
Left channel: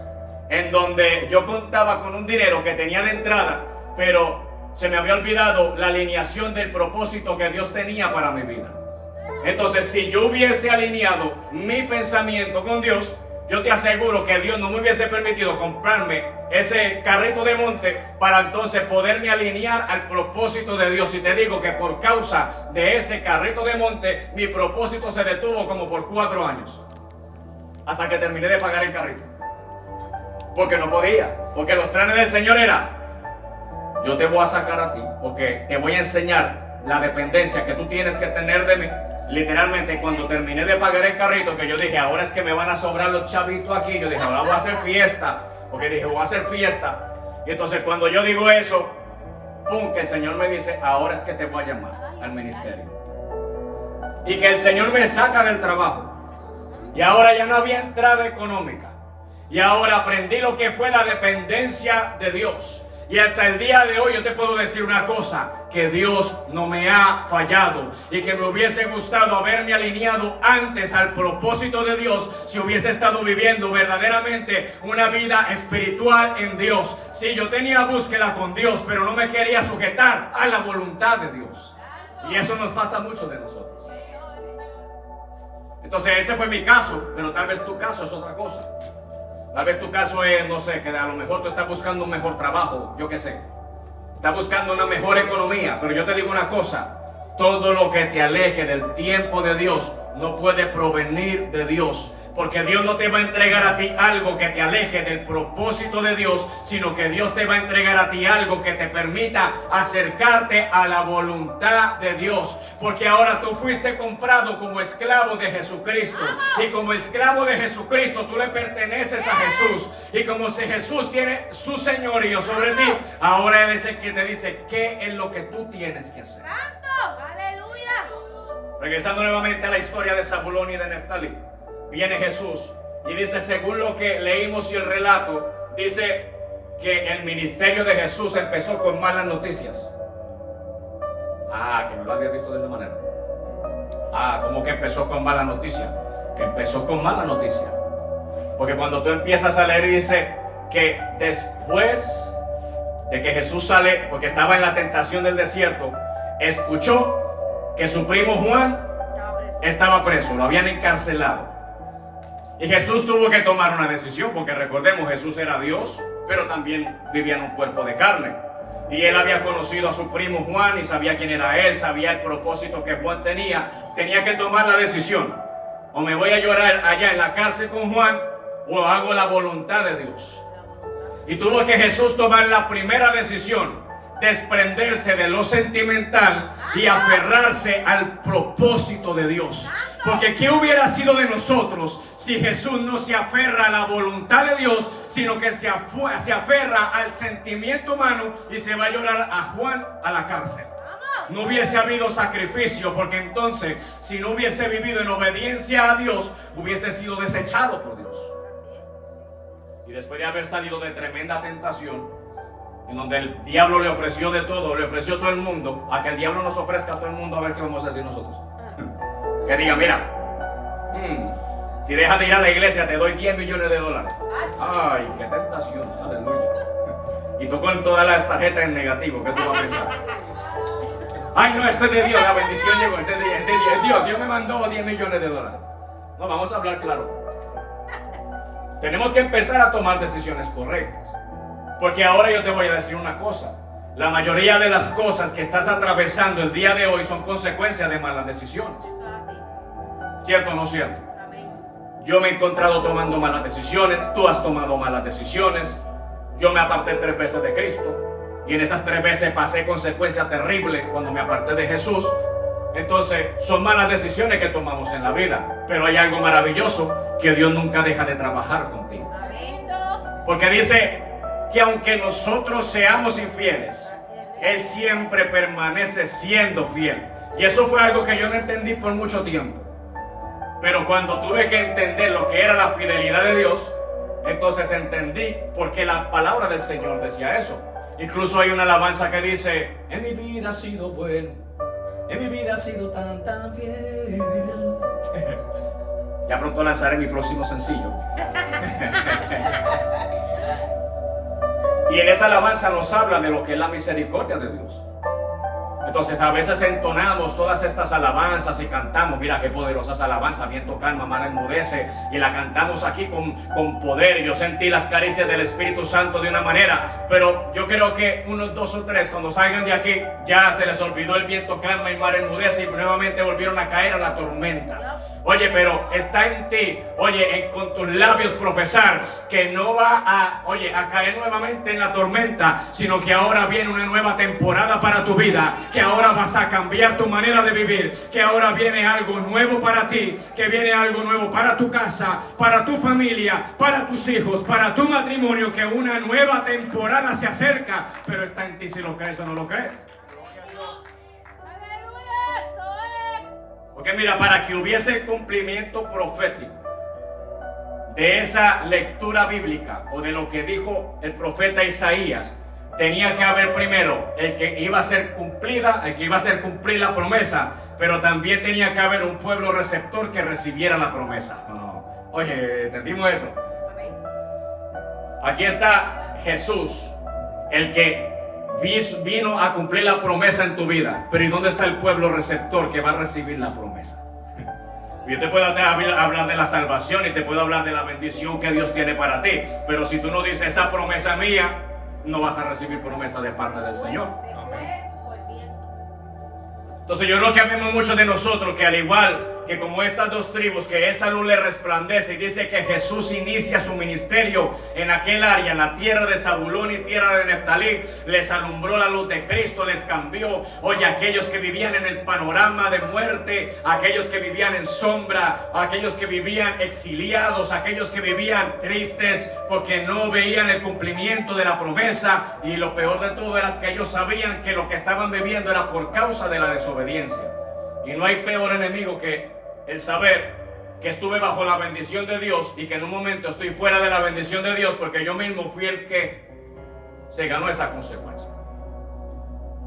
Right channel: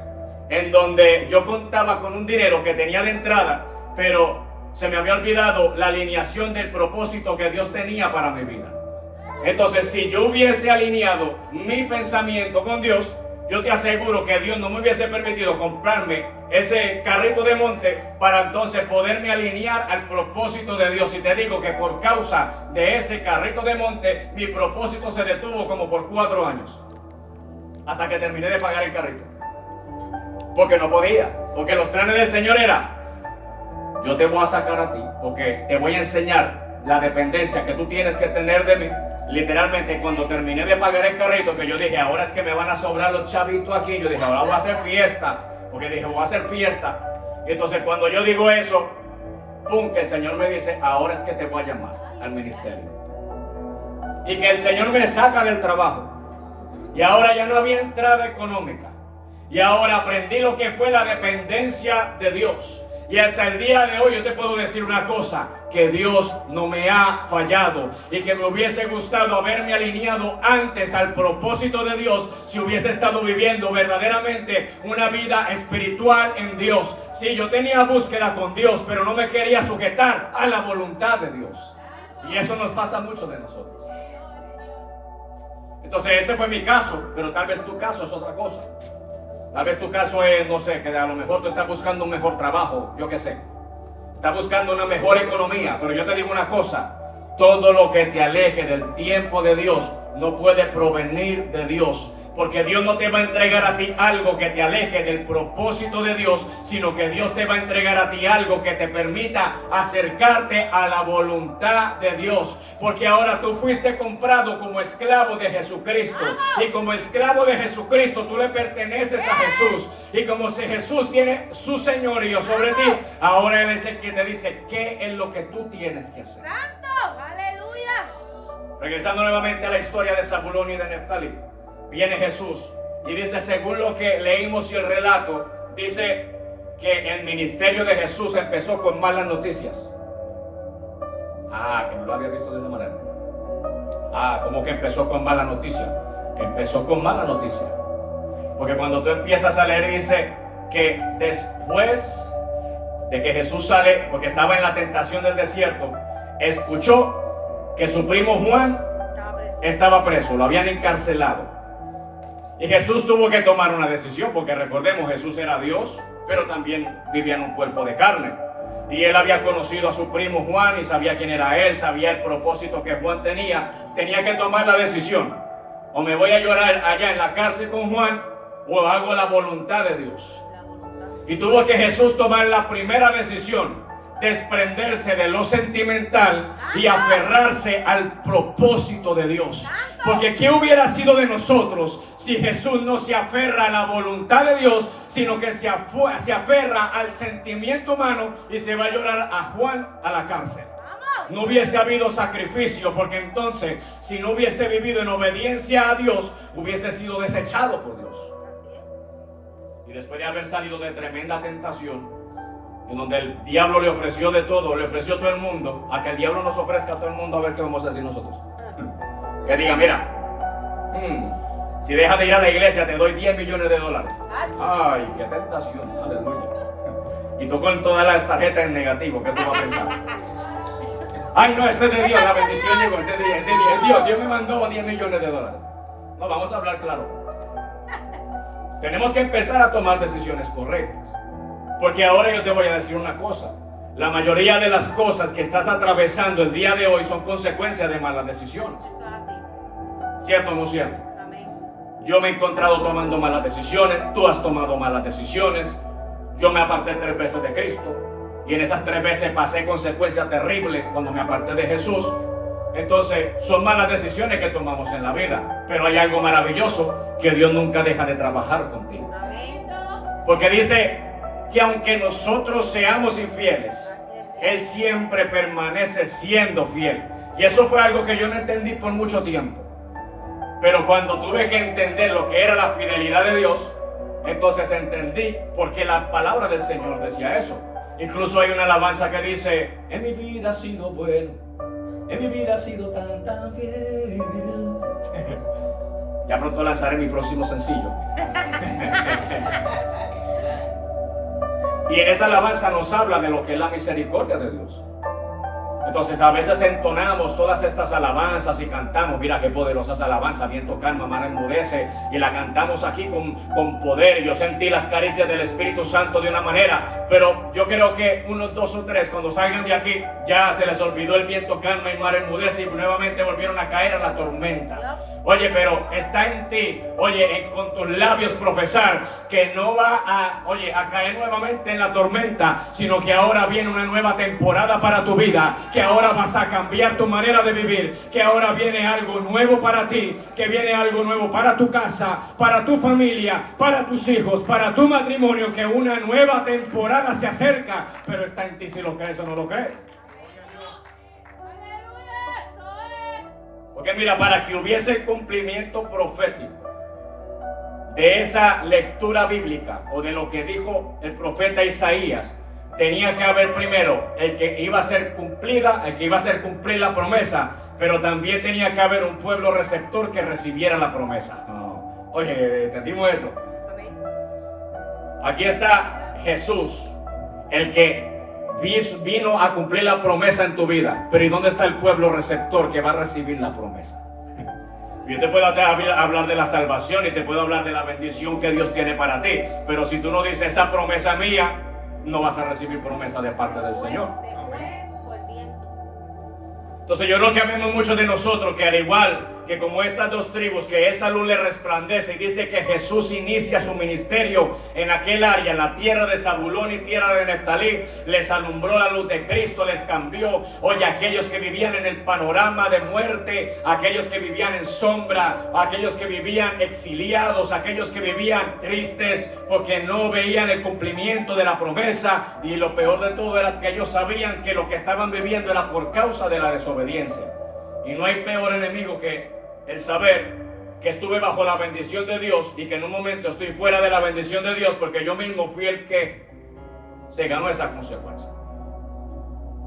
en donde yo contaba con un dinero que tenía de entrada, pero se me había olvidado la alineación del propósito que Dios tenía para mi vida. Entonces, si yo hubiese alineado mi pensamiento con Dios, yo te aseguro que Dios no me hubiese permitido comprarme ese carrito de monte para entonces poderme alinear al propósito de Dios. Y te digo que por causa de ese carrito de monte, mi propósito se detuvo como por 4 años. Hasta que terminé de pagar el carrito. Porque no podía. Porque los planes del Señor eran: yo te voy a sacar a ti, porque te voy a enseñar la dependencia que tú tienes que tener de mí. Literalmente, cuando terminé de pagar el carrito, que yo dije, ahora es que me van a sobrar los chavitos aquí, yo dije, ahora voy a hacer fiesta, porque dije, voy a hacer fiesta. Y entonces cuando yo digo eso, pum, que el Señor me dice, ahora es que te voy a llamar al ministerio. Y que el Señor me saca del trabajo. Y ahora ya no había entrada económica. Y ahora aprendí lo que fue la dependencia de Dios. Y hasta el día de hoy yo te puedo decir una cosa, que Dios no me ha fallado y que me hubiese gustado haberme alineado antes al propósito de Dios si hubiese estado viviendo verdaderamente una vida espiritual en Dios. Sí, yo tenía búsqueda con Dios, pero no me quería sujetar a la voluntad de Dios. Y eso nos pasa a muchos de nosotros. Entonces ese fue mi caso, pero tal vez tu caso es otra cosa. Tal vez tu caso es, no sé, que a lo mejor tú estás buscando un mejor trabajo, yo qué sé. Estás buscando una mejor economía, pero yo te digo una cosa. Todo lo que te aleje del tiempo de Dios no puede provenir de Dios. Porque Dios no te va a entregar a ti algo que te aleje del propósito de Dios, sino que Dios te va a entregar a ti algo que te permita acercarte a la voluntad de Dios. Porque ahora tú fuiste comprado como esclavo de Jesucristo. Y como esclavo de Jesucristo tú le perteneces a Jesús. Y como si Jesús tiene su señorío sobre ti, ahora Él es el que te dice qué es lo que tú tienes que hacer. ¡Santo! ¡Aleluya! Regresando nuevamente a la historia de Zabulón y de Neftalí. Viene Jesús y dice, según lo que leímos y el relato, dice que el ministerio de Jesús empezó con malas noticias. Que no lo había visto de esa manera. ¿Cómo que empezó con mala noticia? Empezó con mala noticia. Porque cuando tú empiezas a leer dice que después de que Jesús sale, porque estaba en la tentación del desierto, escuchó que su primo Juan estaba preso, lo habían encarcelado. Y Jesús tuvo que tomar una decisión, porque recordemos, Jesús era Dios, pero también vivía en un cuerpo de carne. Y él había conocido a su primo Juan y sabía quién era él, sabía el propósito que Juan tenía. Tenía que tomar la decisión: o me voy a llorar allá en la cárcel con Juan, o hago la voluntad de Dios. Y tuvo que Jesús tomar la primera decisión: desprenderse de lo sentimental y aferrarse al propósito de Dios. Porque ¿qué hubiera sido de nosotros si Jesús no se aferra a la voluntad de Dios, sino que se aferra al sentimiento humano y se va a llorar a Juan a la cárcel? No hubiese habido sacrificio, porque entonces, si no hubiese vivido en obediencia a Dios, hubiese sido desechado por Dios. Y después de haber salido de tremenda tentación, en donde el diablo le ofreció de todo, le ofreció a todo el mundo, a que el diablo nos ofrezca a todo el mundo, a ver qué vamos a hacer nosotros. Que diga, mira, si dejas de ir a la iglesia te doy $10 millones. Ay, qué tentación, aleluya. Y tú con todas las tarjetas en negativo, ¿qué tú vas a pensar? Ay, no, esto es de Dios, la bendición llegó, es de Dios. Dios me mandó $10 millones. No, vamos a hablar claro. Tenemos que empezar a tomar decisiones correctas. Porque ahora yo te voy a decir una cosa. La mayoría de las cosas que estás atravesando el día de hoy son consecuencias de malas decisiones. ¿Cierto o no cierto? Yo me he encontrado tomando malas decisiones, tú has tomado malas decisiones, Yo me aparté 3 veces de Cristo y en esas 3 veces pasé consecuencias terribles cuando me aparté de Jesús. Entonces son malas decisiones que tomamos en la vida, pero hay algo maravilloso, que Dios nunca deja de trabajar contigo. Porque dice que aunque nosotros seamos infieles, Él siempre permanece siendo fiel. Y eso fue algo que yo no entendí por mucho tiempo. Pero cuando tuve que entender lo que era la fidelidad de Dios, entonces entendí por qué la palabra del Señor decía eso. Incluso hay una alabanza que dice: en mi vida ha sido bueno, en mi vida ha sido tan fiel. Ya pronto lanzaré mi próximo sencillo. Y en esa alabanza nos habla de lo que es la misericordia de Dios. Entonces a veces entonamos todas estas alabanzas y cantamos, mira qué poderosas alabanzas, viento calma, mar enmudece, y la cantamos aquí con poder. Yo sentí las caricias del Espíritu Santo de una manera, pero yo creo que unos 2 o 3 cuando salgan de aquí ya se les olvidó el viento calma y mar enmudece y nuevamente volvieron a caer a la tormenta. Oye, pero está en ti, oye, con tus labios profesar que no va a caer nuevamente en la tormenta, sino que ahora viene una nueva temporada para tu vida, que ahora vas a cambiar tu manera de vivir, que ahora viene algo nuevo para ti, que viene algo nuevo para tu casa, para tu familia, para tus hijos, para tu matrimonio, que una nueva temporada se acerca, pero está en ti si lo crees o no lo crees. Porque mira, para que hubiese el cumplimiento profético de esa lectura bíblica o de lo que dijo el profeta Isaías, tenía que haber primero el que iba a ser cumplida, el que iba a hacer cumplir la promesa, pero también tenía que haber un pueblo receptor que recibiera la promesa. Oye, ¿entendimos eso? Aquí está Jesús, el que vino a cumplir la promesa en tu vida. Pero ¿y dónde está el pueblo receptor que va a recibir la promesa? Yo te puedo hablar de la salvación y te puedo hablar de la bendición que Dios tiene para ti, pero si tú no dices esa promesa mía, no vas a recibir promesa de parte del Señor. Entonces yo creo que vemos muchos de nosotros que al igual que como estas 2 tribus, que esa luz le resplandece, y dice que Jesús inicia su ministerio en aquel área, en la tierra de Zabulón y tierra de Neftalí, les alumbró la luz de Cristo, les cambió. Oye, aquellos que vivían en el panorama de muerte, aquellos que vivían en sombra, aquellos que vivían exiliados, aquellos que vivían tristes porque no veían el cumplimiento de la promesa, y lo peor de todo era que ellos sabían que lo que estaban viviendo era por causa de la desobediencia. Y no hay peor enemigo que el saber que estuve bajo la bendición de Dios y que en un momento estoy fuera de la bendición de Dios porque yo mismo fui el que se ganó esa consecuencia.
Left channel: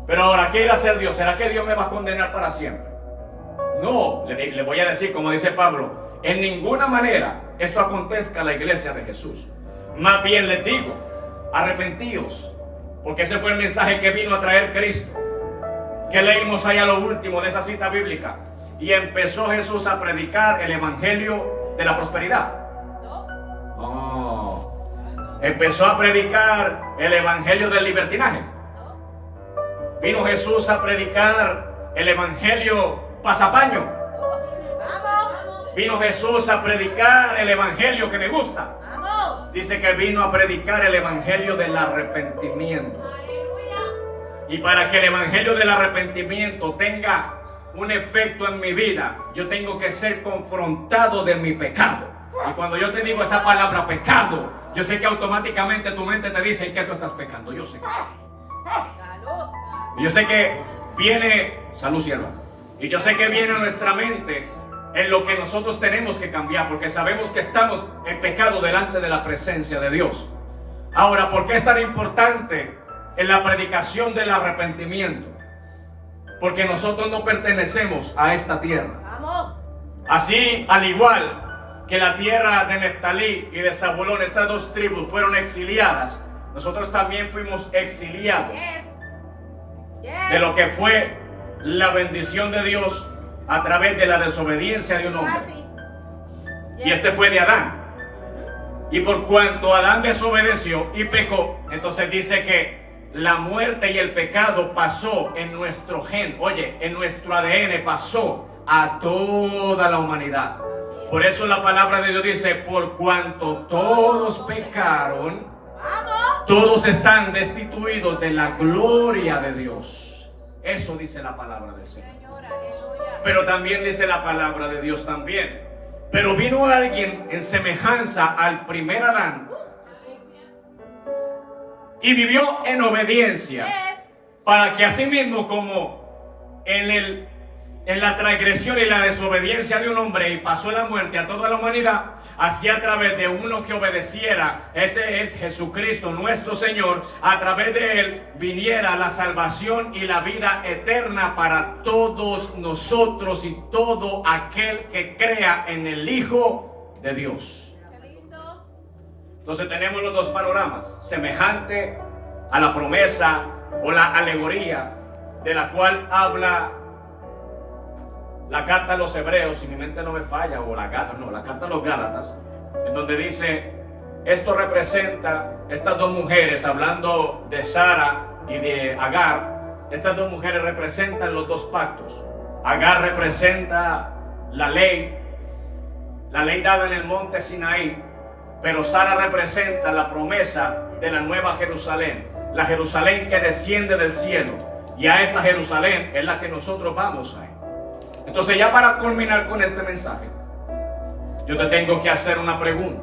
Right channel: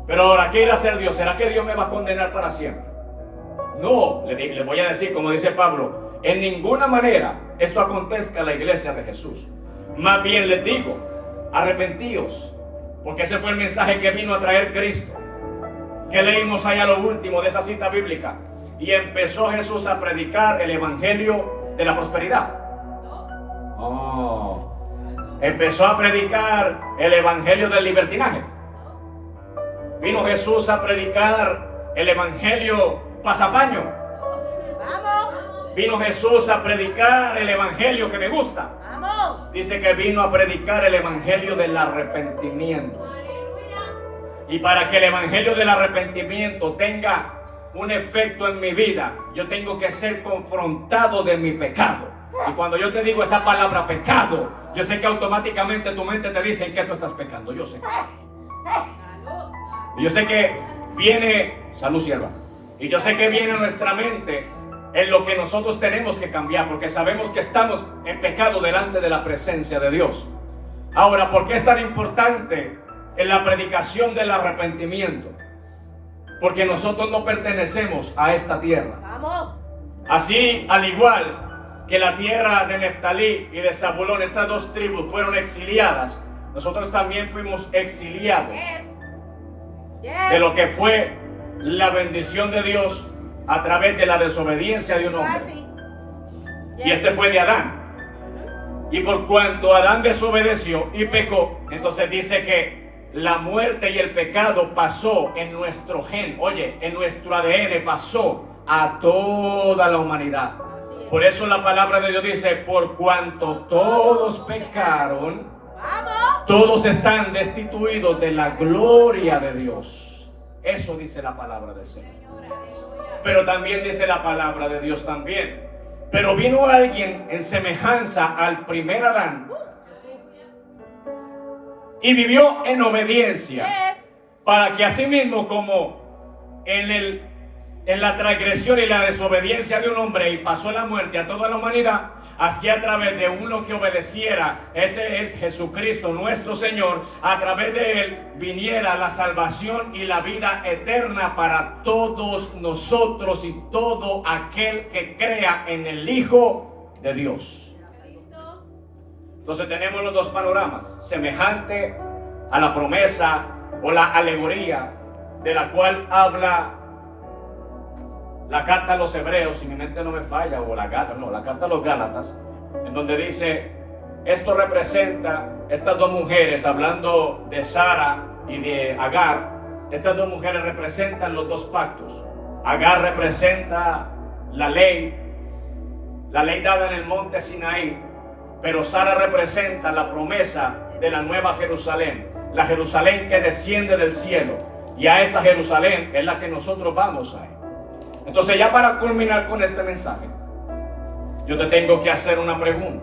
Pero ahora, ¿qué irá a hacer Dios? ¿Será que Dios me va a condenar para siempre? No, le voy a decir, como dice Pablo, en ninguna manera esto acontezca a la iglesia de Jesús. Más bien les digo, arrepentíos, porque ese fue el mensaje que vino a traer Cristo. Que leímos ahí a lo último de esa cita bíblica. Y empezó Jesús a predicar el evangelio de la prosperidad. Empezó a predicar el evangelio del libertinaje. Vino Jesús a predicar el evangelio pasapaño. Vino Jesús a predicar el evangelio que me gusta. Dice que vino a predicar el evangelio del arrepentimiento. Y para que el evangelio del arrepentimiento tenga un efecto en mi vida, yo tengo que ser confrontado de mi pecado. Y cuando yo te digo esa palabra pecado, yo sé que automáticamente tu mente te dice que tú estás pecando. Yo sé que y yo sé que viene, salud sierva, y yo sé que viene en nuestra mente en lo que nosotros tenemos que cambiar, porque sabemos que estamos en pecado delante de la presencia de Dios. Ahora, ¿por qué es tan importante en la predicación del arrepentimiento? Porque nosotros no pertenecemos a esta tierra. Así, al igual que la tierra de Neftalí y de Zabulón, estas 2 tribus fueron exiliadas, nosotros también fuimos exiliados de lo que fue la bendición de Dios a través de la desobediencia de un hombre. Y este fue de Adán. Y por cuanto Adán desobedeció y pecó, entonces dice que la muerte y el pecado pasó en nuestro gen, oye, en nuestro ADN, pasó a toda la humanidad. Por eso la palabra de Dios dice, por cuanto todos pecaron, Todos están destituidos de la gloria de Dios. Eso dice la palabra del Señor. Pero también dice la palabra de Dios también. Pero vino alguien en semejanza al primer Adán y vivió en obediencia, para que asimismo como en la transgresión y la desobediencia de un hombre y pasó la muerte a toda la humanidad, así a través de uno que obedeciera, ese es Jesucristo nuestro Señor, a través de él viniera la salvación y la vida eterna para todos nosotros y todo aquel que crea en el Hijo de Dios. Entonces tenemos los dos panoramas, semejante a la promesa o la alegoría de la cual habla la carta a los Hebreos, si mi mente no me falla, o la carta a los Gálatas, en donde dice, esto representa estas dos mujeres, hablando de Sara y de Agar. Estas dos mujeres representan los dos pactos. Agar representa la ley dada en el monte Sinaí, pero Sara representa la promesa de la nueva Jerusalén, la Jerusalén que desciende del cielo, y a esa Jerusalén es la que nosotros vamos a ir. Entonces, ya para culminar con este mensaje, yo te tengo que hacer una pregunta,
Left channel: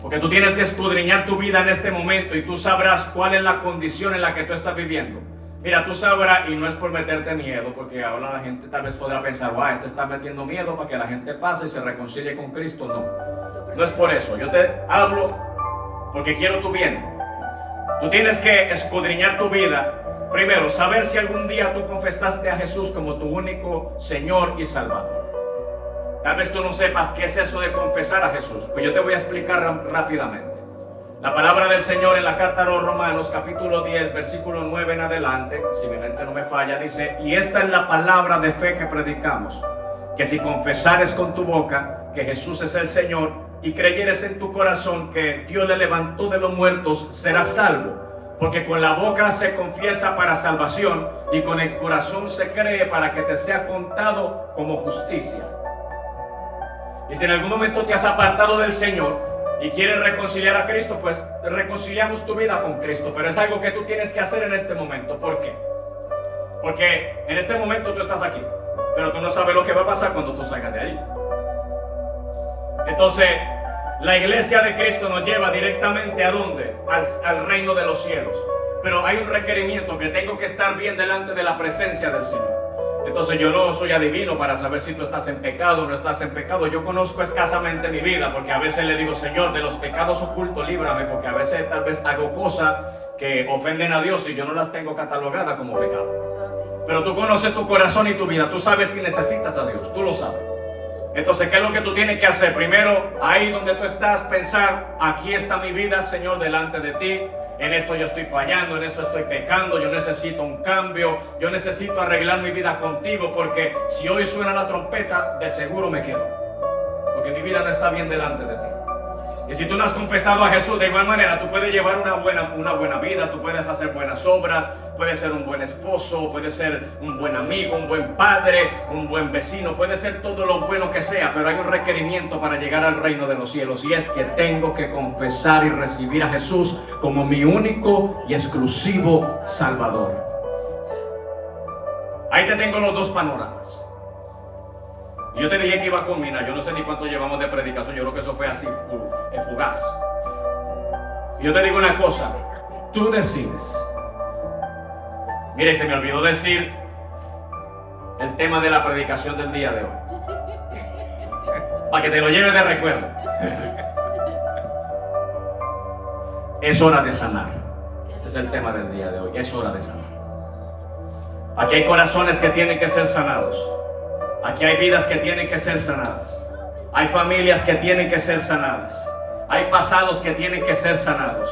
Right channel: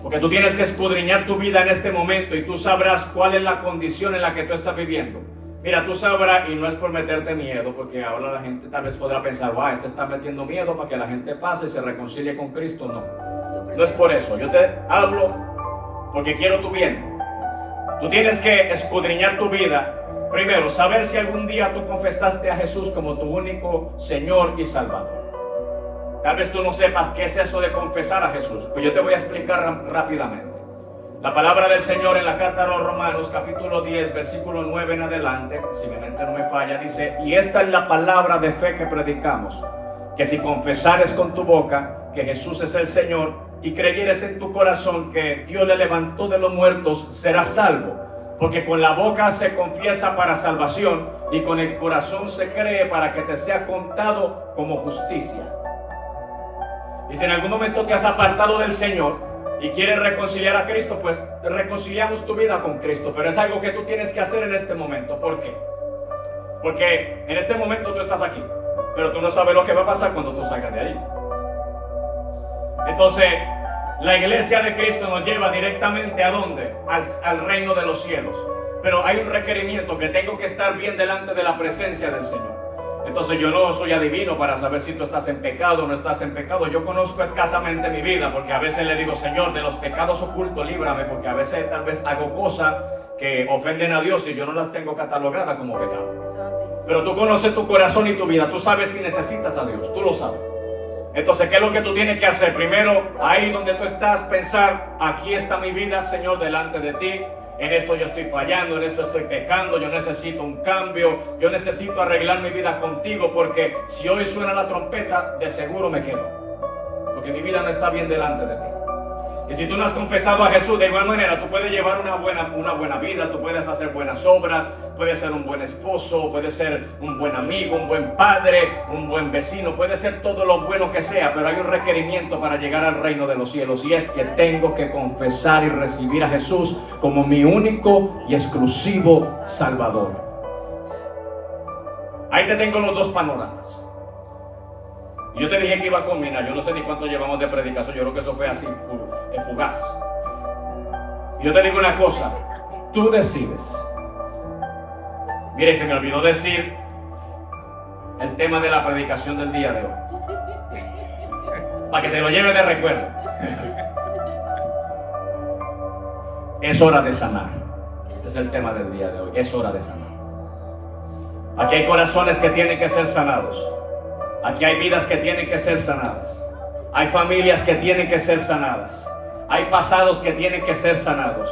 porque tú tienes que escudriñar tu vida en este momento y tú sabrás cuál es la condición en la que tú estás viviendo. Mira, tú sabrás, y no es por meterte miedo, porque ahora la gente tal vez podrá pensar, este está metiendo miedo para que la gente pase y se reconcilie con Cristo. No es por eso. Yo te hablo porque quiero tu bien. Tú tienes que escudriñar tu vida. Primero, saber si algún día tú confesaste a Jesús como tu único Señor y Salvador. Tal vez tú no sepas qué es eso de confesar a Jesús, pero yo te voy a explicar rápidamente. La palabra del Señor en la carta a los Romanos, capítulo 10, versículo 9 en adelante, si mi mente no me falla, dice, y esta es la palabra de fe que predicamos, que si confesares con tu boca que Jesús es el Señor y creyeres en tu corazón que Dios le levantó de los muertos, serás salvo. Porque con la boca se confiesa para salvación y con el corazón se cree para que te sea contado como justicia. Y si en algún momento te has apartado del Señor y quieres reconciliar a Cristo, pues reconciliamos tu vida con Cristo. Pero es algo que tú tienes que hacer en este momento. ¿Por qué? Porque en este momento tú estás aquí, pero tú no sabes lo que va a pasar cuando tú salgas de ahí. Entonces, la iglesia de Cristo nos lleva directamente ¿a dónde? Al reino de los cielos. Pero hay un requerimiento, que tengo que estar bien delante de la presencia del Señor. Entonces yo no soy adivino para saber si tú estás en pecado o no estás en pecado. Yo conozco escasamente mi vida, porque a veces le digo, Señor, de los pecados ocultos líbrame, porque a veces tal vez hago cosas que ofenden a Dios y yo no las tengo catalogadas como pecado. Pero tú conoces tu corazón y tu vida, tú sabes si necesitas a Dios, tú lo sabes. Entonces, ¿qué es lo que tú tienes que hacer? Primero, ahí donde tú estás, pensar, aquí está mi vida, Señor, delante de ti. En esto yo estoy fallando, en esto estoy pecando, yo necesito un cambio, yo necesito arreglar mi vida contigo, porque si hoy suena la trompeta, de seguro me quedo, porque mi vida no está bien delante de ti. Y si tú no has confesado a Jesús, de igual manera tú puedes llevar una buena vida, tú puedes hacer buenas obras, puedes ser un buen esposo, puedes ser un buen amigo, un buen padre, un buen vecino, puedes ser todo lo bueno que sea, pero hay un requerimiento para llegar al reino de los cielos, y es que tengo que confesar y recibir a Jesús como mi único y exclusivo Salvador. Ahí te tengo los dos panoramas. Y yo te dije que iba a culminar, yo no sé ni cuánto llevamos de predicación, yo creo que eso fue así, fugaz. Y yo te digo una cosa, tú decides. Mire, se me olvidó decir el tema de la predicación del día de hoy, para que te lo lleves de recuerdo. Es hora de sanar. Ese es el tema del día de hoy, es hora de sanar. Aquí hay corazones que tienen que ser sanados. Aquí hay vidas que tienen que ser sanadas. Hay familias que tienen que ser sanadas. Hay pasados que tienen que ser sanados.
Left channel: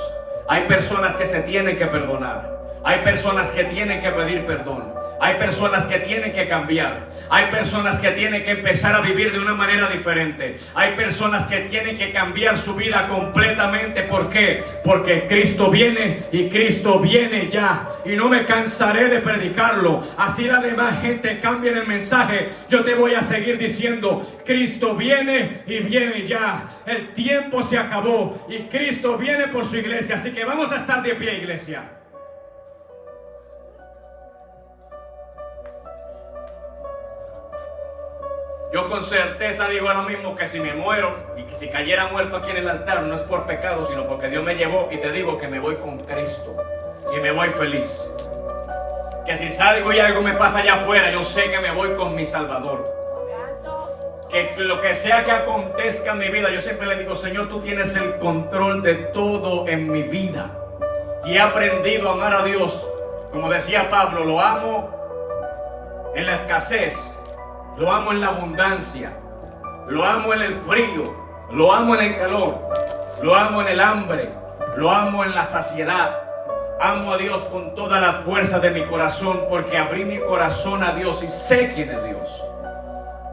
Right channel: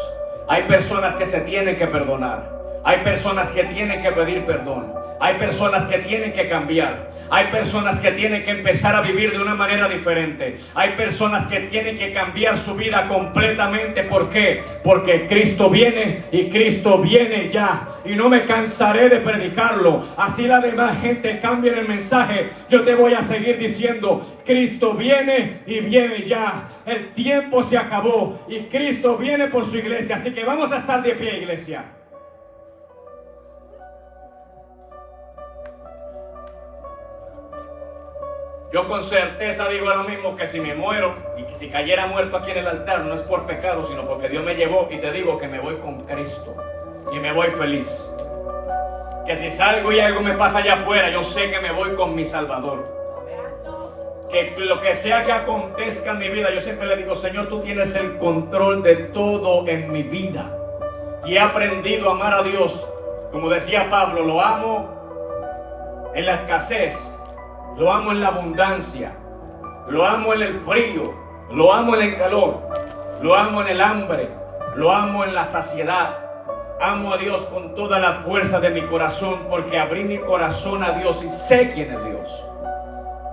Hay personas que se tienen que perdonar. Hay personas que tienen que pedir perdón. Hay personas que tienen que cambiar. Hay personas que tienen que empezar a vivir de una manera diferente. Hay personas que tienen que cambiar su vida completamente. ¿Por qué? Porque Cristo viene y Cristo viene ya. Y no me cansaré de predicarlo. Así la demás gente cambie el mensaje. Yo te voy a seguir diciendo, Cristo viene y viene ya. El tiempo se acabó y Cristo viene por su iglesia. Así que vamos a estar de pie, iglesia. Yo con certeza digo lo mismo, que si me muero y que si cayera muerto aquí en el altar, no es por pecado, sino porque Dios me llevó, y te digo que me voy con Cristo y me voy feliz. Que si salgo y algo me pasa allá afuera, yo sé que me voy con mi Salvador. Que lo que sea que acontezca en mi vida, yo siempre le digo, Señor, tú tienes el control de todo en mi vida. Y he aprendido a amar a Dios. Como decía Pablo, lo amo en la escasez. Lo amo en la abundancia, lo amo en el frío, lo amo en el calor, lo amo en el hambre, lo amo en la saciedad. Amo a Dios con toda la fuerza de mi corazón, porque abrí mi corazón a Dios y sé quién es Dios.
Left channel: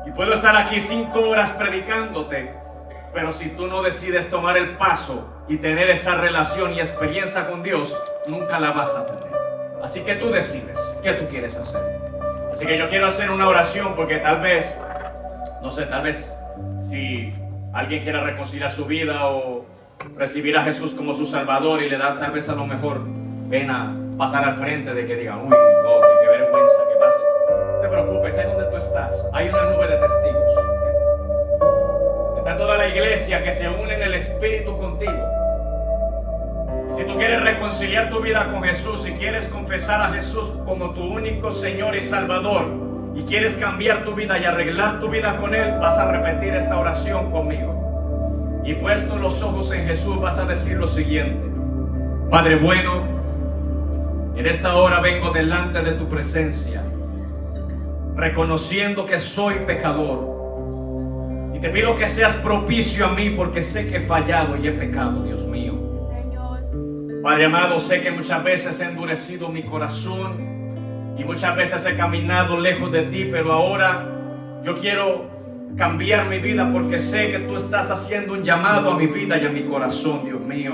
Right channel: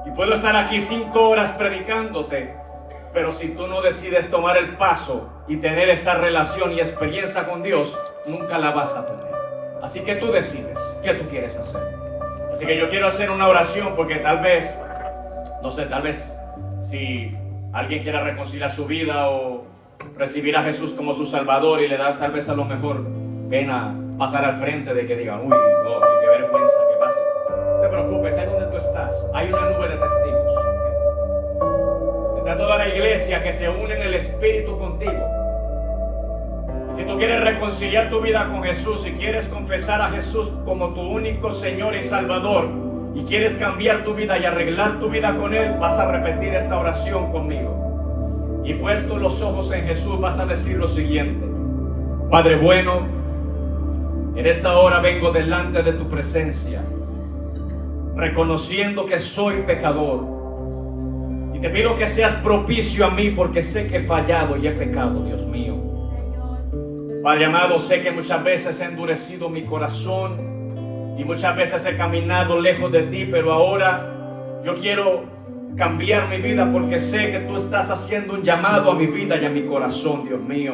Y puedo estar aquí 5 horas predicándote, pero si tú no decides tomar el paso y tener esa relación y experiencia con Dios, nunca la vas a tener. Así que tú decides qué tú quieres hacer. Así que yo quiero hacer una oración, porque tal vez, no sé, tal vez si alguien quiera reconciliar su vida o recibir a Jesús como su Salvador y le da tal vez a lo mejor pena pasar al frente de que digan, uy, no, qué vergüenza, que pase. No te preocupes, ahí donde tú estás, hay una nube de testigos. Está toda la iglesia que se une en el Espíritu contigo. Y si tú quieres reconciliar tu vida con Jesús, si quieres confesar a Jesús como tu único Señor y Salvador, y quieres cambiar tu vida y arreglar tu vida con Él, vas a repetir esta oración conmigo. Y puesto los ojos en Jesús, vas a decir lo siguiente: Padre bueno, en esta hora vengo delante de tu presencia, reconociendo que soy pecador. Y te pido que seas propicio a mí, porque sé que he fallado y he pecado, Dios mío. Padre amado, sé que muchas veces he endurecido mi corazón y muchas veces he caminado lejos de ti, pero ahora yo quiero cambiar mi vida, porque sé que tú estás haciendo un llamado a mi vida y a mi corazón, Dios mío.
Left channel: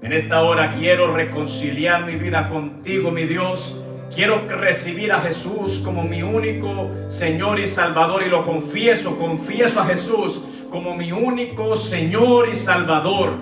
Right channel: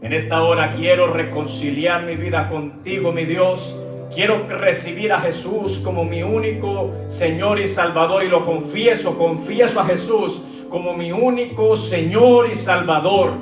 En esta hora quiero reconciliar mi vida contigo, mi Dios. Quiero recibir a Jesús como mi único Señor y Salvador, y lo confieso a Jesús como mi único Señor y Salvador.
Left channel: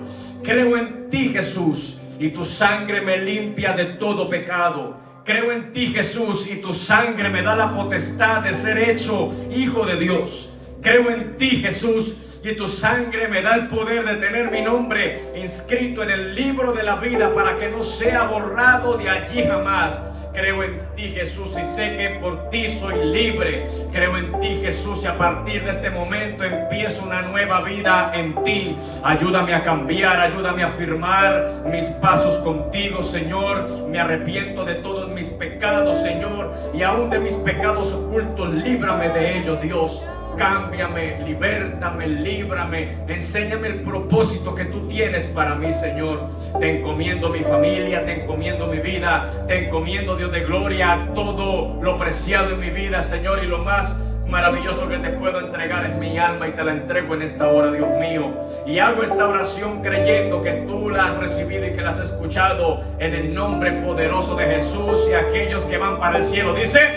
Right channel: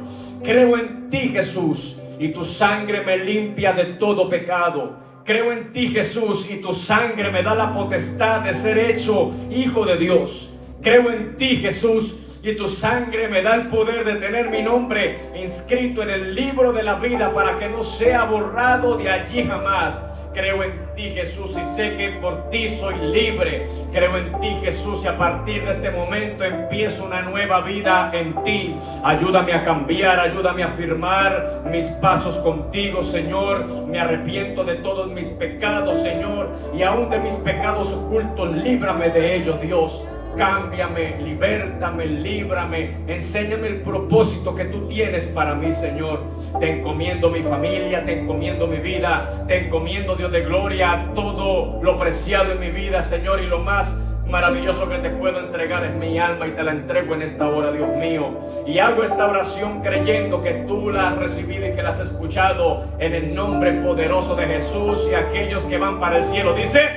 Creo en ti, Jesús, y tu sangre me limpia de todo pecado. Creo en ti, Jesús, y tu sangre me da la potestad de ser hecho hijo de Dios. Creo en ti, Jesús, y tu sangre me da el poder de tener mi nombre inscrito en el libro de la vida, para que no sea borrado de allí jamás. Creo en ti, Jesús, y sé que por ti soy libre. Creo en ti, Jesús, y a partir de este momento empiezo una nueva vida en ti. Ayúdame a cambiar, ayúdame a firmar mis pasos contigo, Señor. Me arrepiento de todos mis pecados, Señor, y aún de mis pecados ocultos, líbrame de ellos, Dios. Cámbiame, libértame, líbrame, enséñame el propósito que tú tienes para mí, Señor. Te encomiendo mi familia, te encomiendo mi vida, te encomiendo, Dios de gloria, todo lo preciado en mi vida, Señor, y lo más maravilloso que te puedo entregar es mi alma, y te la entrego en esta hora, Dios mío. Y hago esta oración creyendo que tú la has recibido y que la has escuchado, en el nombre poderoso de Jesús. Y aquellos que van para el cielo dicen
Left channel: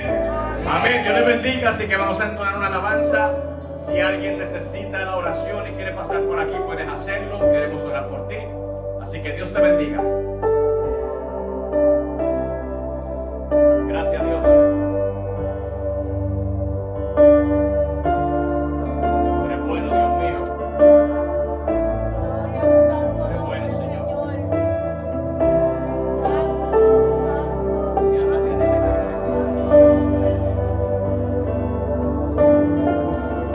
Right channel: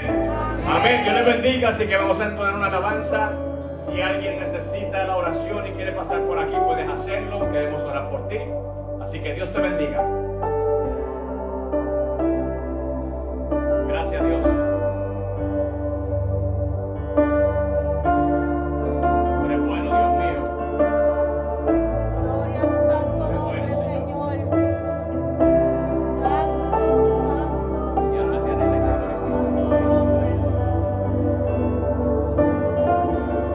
amén. Dios les bendiga. Así que vamos a entonar una alabanza. Si alguien necesita la oración y quiere pasar por aquí, puedes hacerlo. Queremos orar por ti. Así que Dios te bendiga. Gracias, Dios.